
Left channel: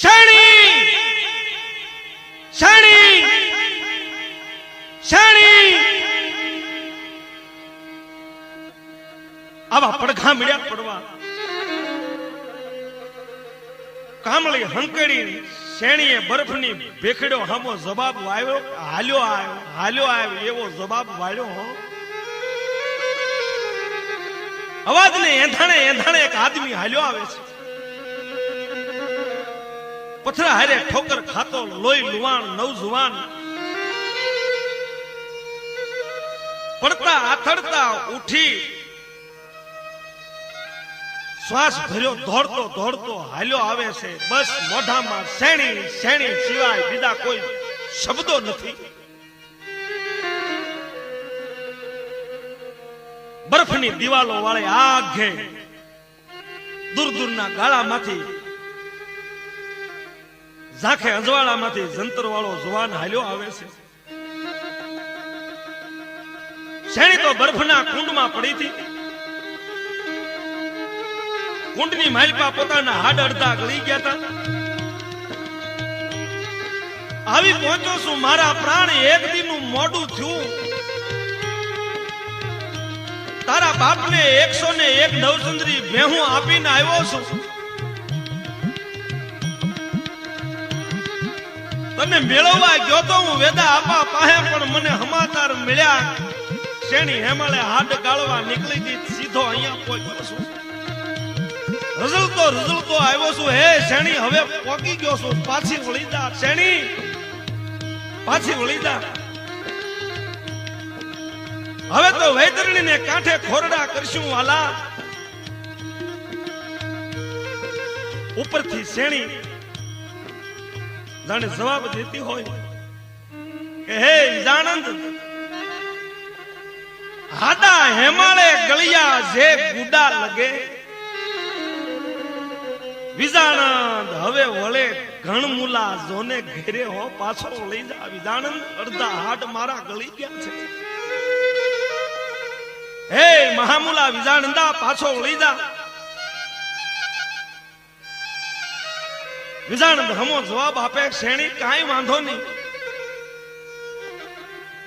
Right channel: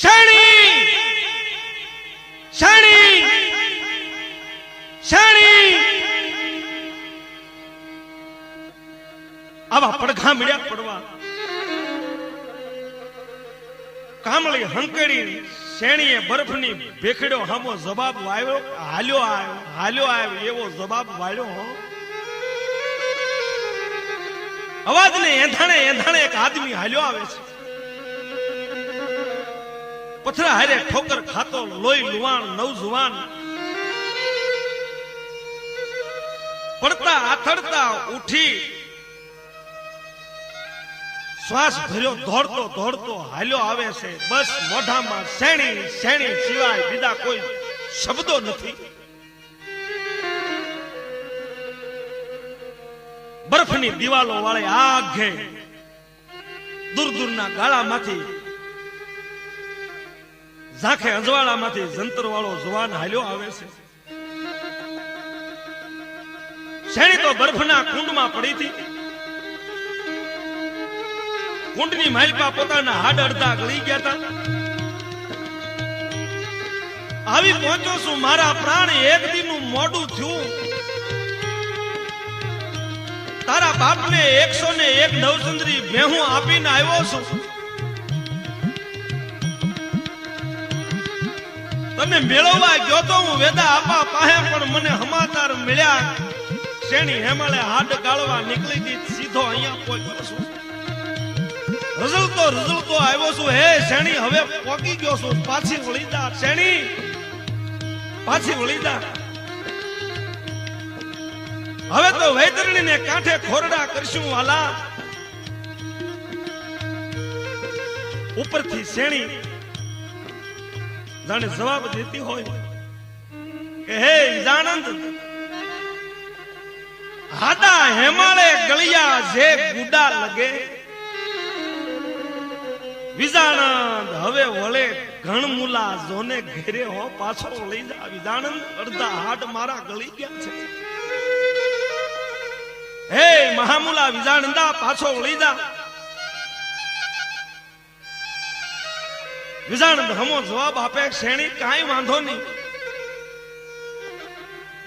શેણી શેણી શેણી આવા પડઘા મળ્યા પડવા. કામળી હંકેડી શેણીએ બરફની ભેખડ્યો હામો જવાબ વાળ્યો. હાલ્યો આવ્યો એવો જવાબ વાળ્યો. હો અવાજને એંધાણે એક આદમી હાલ્યો આવે છે. પથરા હારે ઠોકર ખાતો લોહી લુવાણ નવજુવાન પડતા આથડતા ઉઠી શ્વાસ ભર્યો દોડતો હાલ્યો આવે છે. બસ મોઢામાં શેણી શેણી સિવાય બીજા કોઈ શબ્દો નથી. બરફની દિવાલો વાળે આઘે દૂરના ગાળામાંથી ઝાંખે અજવાળામાંથી જંતર વાળો જવાન હાલ્યો આવે છે. શેણી તો બરફના કુંડમાં પડી હતી. કુંડની માલપા પોતાના હાડ અડધા ગળી ગયા હતા. આવી પહોંચો છું મારા પ્રાણ, એક દીનું મોડું થયું. તારા બાપને 101 નવચંદ્રી ભેહું આપીને આવ્યો છું. તમે મેળવવા ગયો તો હું વેદા આપા પાસે, પણ મને સમાચાર મળ્યા શેણી હેમાળે હાડ ગાળવા નીકળી ગઈ. સીધો અહીંયા પહોંચ્યો છું. રઝળતો આવ્યો છું. હે શેણી, હવે પોકી ગયો છું. પાછી વળી જા શેણી, પાછી વળી જા. હવે તો વૈતરણીને કાંઠે ખોરડા કરશું વાલા. ઉપરથી શેણી જાણે જવાબ દેતી હોય કે હે વિજાનંદ, હાડા હેમાળે ગળિયા જે ગુડા લગે, વિજાનંદ હવે વળે ઘણમૂલા જોને ઘેરે હો પાછો લઈ જા. વિજાનંદ અડધા હાડ મારા ગળી ગયા છે. હે મહામૂલા વિજાનંદા પાછો વળી જા. વિજાનંદ હમો જવાબ આપે, શેણી કાંઈ વાંધો નહીં,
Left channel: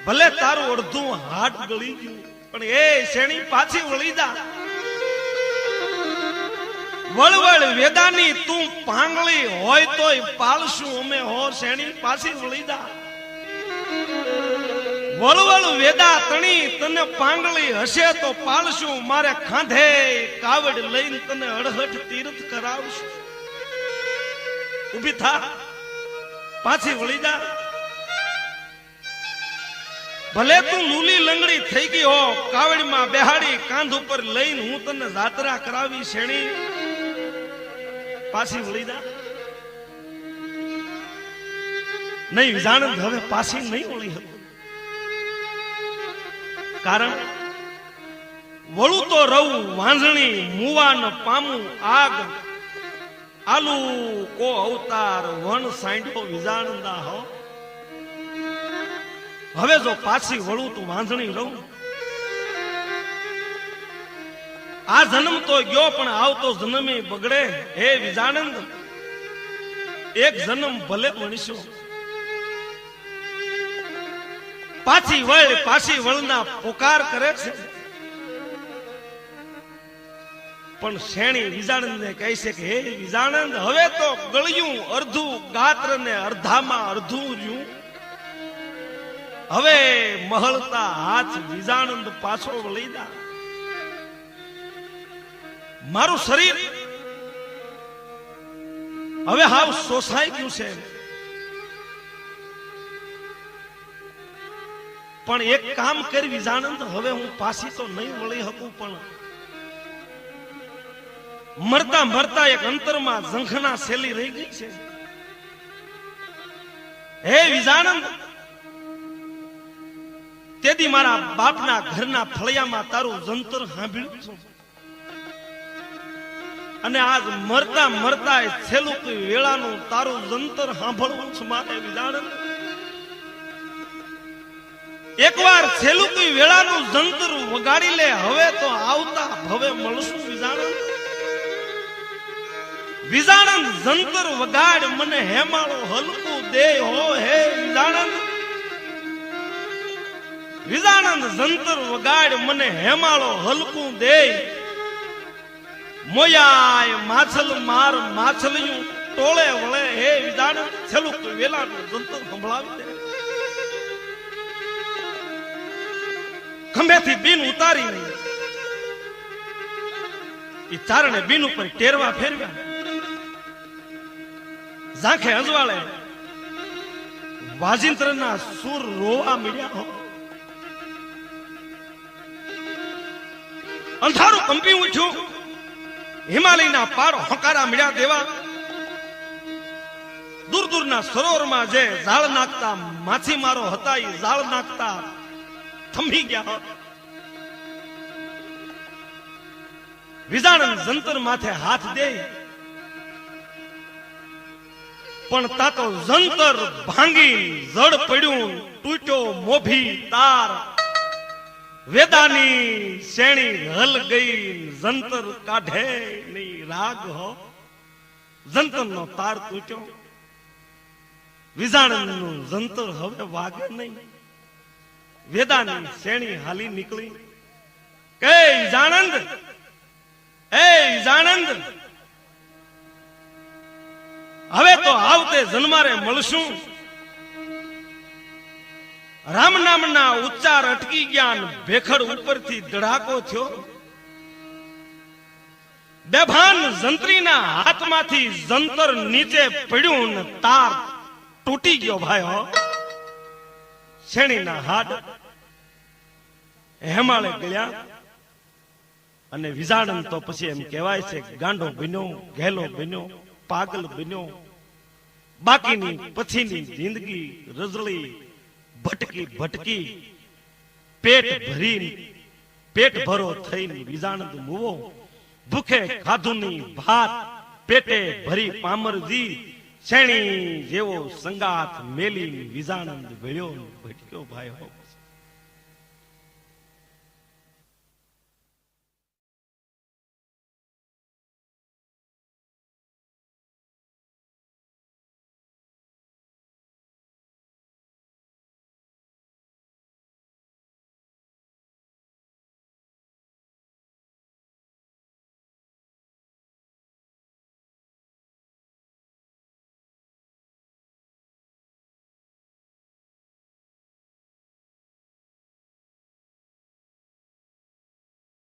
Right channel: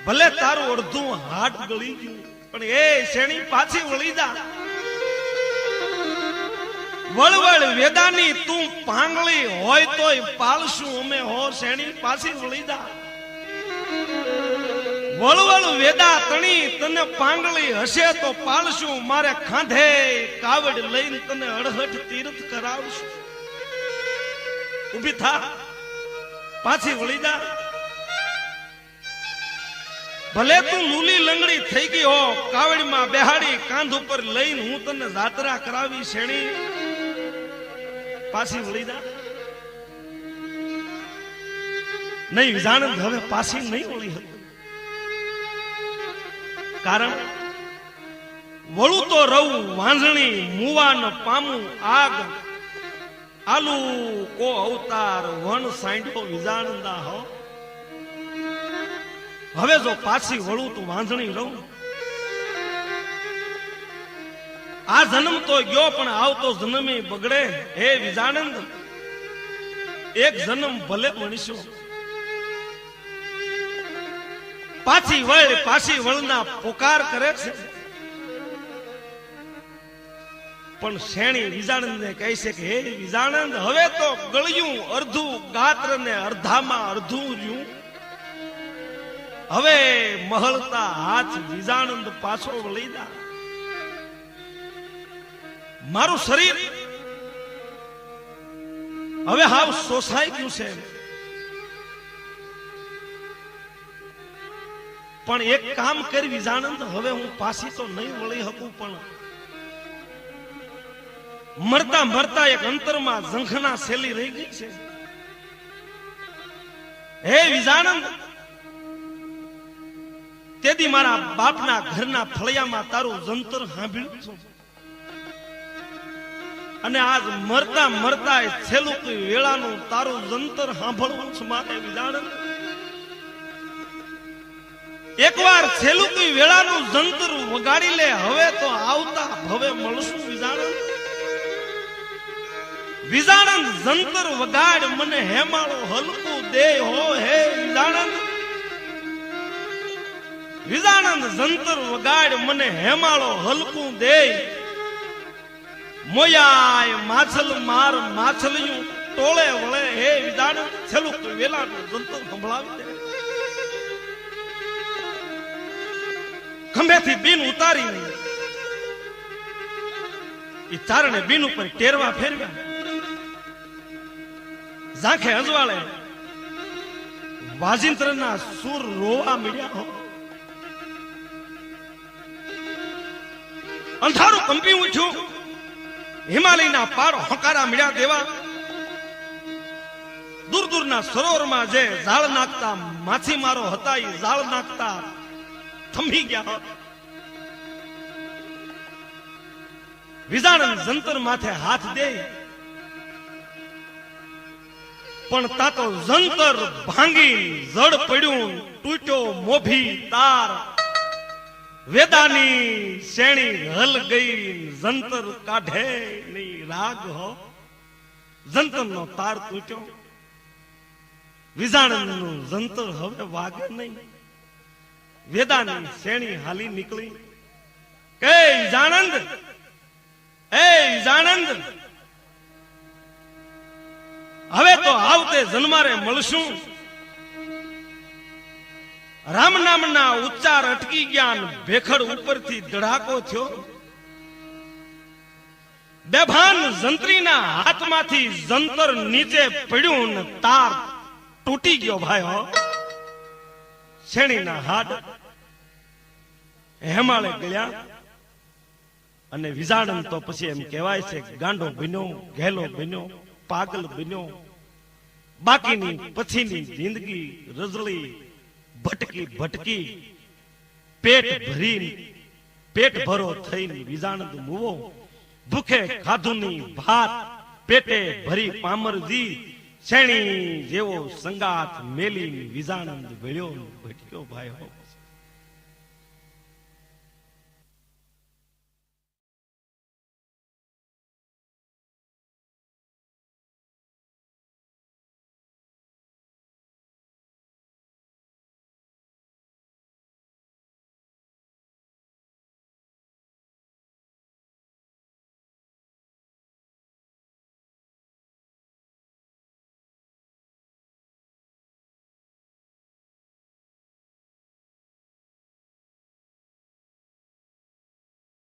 ભલે તારું અડધું હાડ ગળી ગયું પણ એ શેણી પાછી વળી જા. વળવળ વેદાની તું પાંગળી હોય તોય પાળશું અમે હો, શેણી પાછી વળી જા. વળવળ વેદા તણી તને પાંગળી હશે તો પાળશું, મારે ખાંધે કાવડ લઈને તને અડહઠ તીર્થ કરાવશું. ઉભી થા, પાછી વળી જા. ભલે તું લૂલી લંગડી થઈ ગઈ હો, કાવડમાં બેહાડી કાંધ ઉપર લઈને હું તને જાત્રા કરાવી, શેણી પાછી વળી જા. નહીં વિજાનંદ હવે પાછી નહીં વળી હતી, કારણ વળું તો રહું વાંઝણી મુવાન પામું આગ, આલુ કો અવતાર વન સાંડો વિજાનંદા હો. હવે જો પાછી વળું તો વાંધણી રહું. આ જન્મ તો ગયો પણ આવતો જન્મે બગડે. હે વિજાનંદ, એક જન્મ ભલે મળીશું. પાછી વળના પોકાર કરે છે, પણ શેણી વિજાનંદ ને કહે છે કે હે વિજાનંદ, હવે તો ગળ્યું અડધું ગાત્ર ને અડધામાં અડધું રહ્યું. હવે મહળતા હાથ વિજાનંદ પાછો વળી જા. મારું શરીર હવે હાવ શોષાઈ ગયું છે, પણ એક કામ કરી વિજાનંદ, હવે હું પાછી તો નહીં વળી શકું, પણ મરતા મરતા એક અંતરમાં ઝંખના શેલી રહી ગઈ છે. હે વિજાનંદ, તેથી મારા બાપના ઘરના ફળિયામાં તારું જંતર સાંભળ્યું છું, અને આજ મરતા મરતા છેલ્લું વેળાનું તારું જંતર સાંભળવું છે મારે વિજાનંદ. એકવાર છેલ્લું વેળાનું જંતર વગાડી લે, હવે તો આવતા ભવે મળશું વિજાનંદ. વિજાનંદ જંતર વગાડ મને હેમાળો હલકું દે હો. હે વિજાનંદ, વિજાનંદ જંતર વગાડ મને હેમાળો હલકું દે. મોયાય માછલ માર માછલિયું ટોળે વળે. હે વિજાનંદ, છેલ્લું વેલાનું જંતર સંભળાવી દે. ખંભેથી બીન ઉતારી એ ચારણે બીન ઉપર ટેરવા ફેરવ્યા, ઝાંખે અજવાળે વાજિંત્રના સુર રોવા મળ્યા. અંધારું કંપી ઉઠ્યું, હિમાલયના પાર હકારા મળ્યા દેવા. દૂર દૂરના સરોવરમાં જે ઝાડ નાખતા માછીમારો હતા એ ઝાડ નાખતા થંભી ગયા. વિજાનંદ જંતર માથે હાથ દે, પણ તાતો જંતર ભાંગી જડ પડ્યું, તૂટ્યો મોભી તાર. વેદાની શેણી હલ ગઈ, જંતર કાઢે નહીં રાગ હો. જંતરનો તાર તૂટ્યો, વિજાનંદનું જંતર હવે વાગે નહીં. વેદાની શેણી હાલી નીકળી. કે વિજાનંદ, એ વિજાનંદ, હવે તો આવતે જન્મારે મળશું. રામ નામના ઉચ્ચાર અટકી ગયા, ભેખડ ઉપરથી ધડાકો થયો. બેભાન જંત્રીના હાથમાંથી જંતર નીચે પડ્યું ને તાર તૂટી ગયો. ભાઈ હો, શેણીના હાડ હેમાળે ગયા. અને વિજાનંદ તો પછી એમ કહેવાય છે ગાંડો બન્યો, ઘેલો બન્યો. પાગલ બન્યો. બાકીની પછીની જિંદગી રઝળી ભટકી ભટકી પેટ ભરો થઈને વિજાણદ મુવો. ભૂખે ખાધુની ભાત પેટે ભરી પામરજી. શેણી જેવો સંગાથ મેલી વિજાણદ ભળ્યો ભટક્યો ભાઈ હો.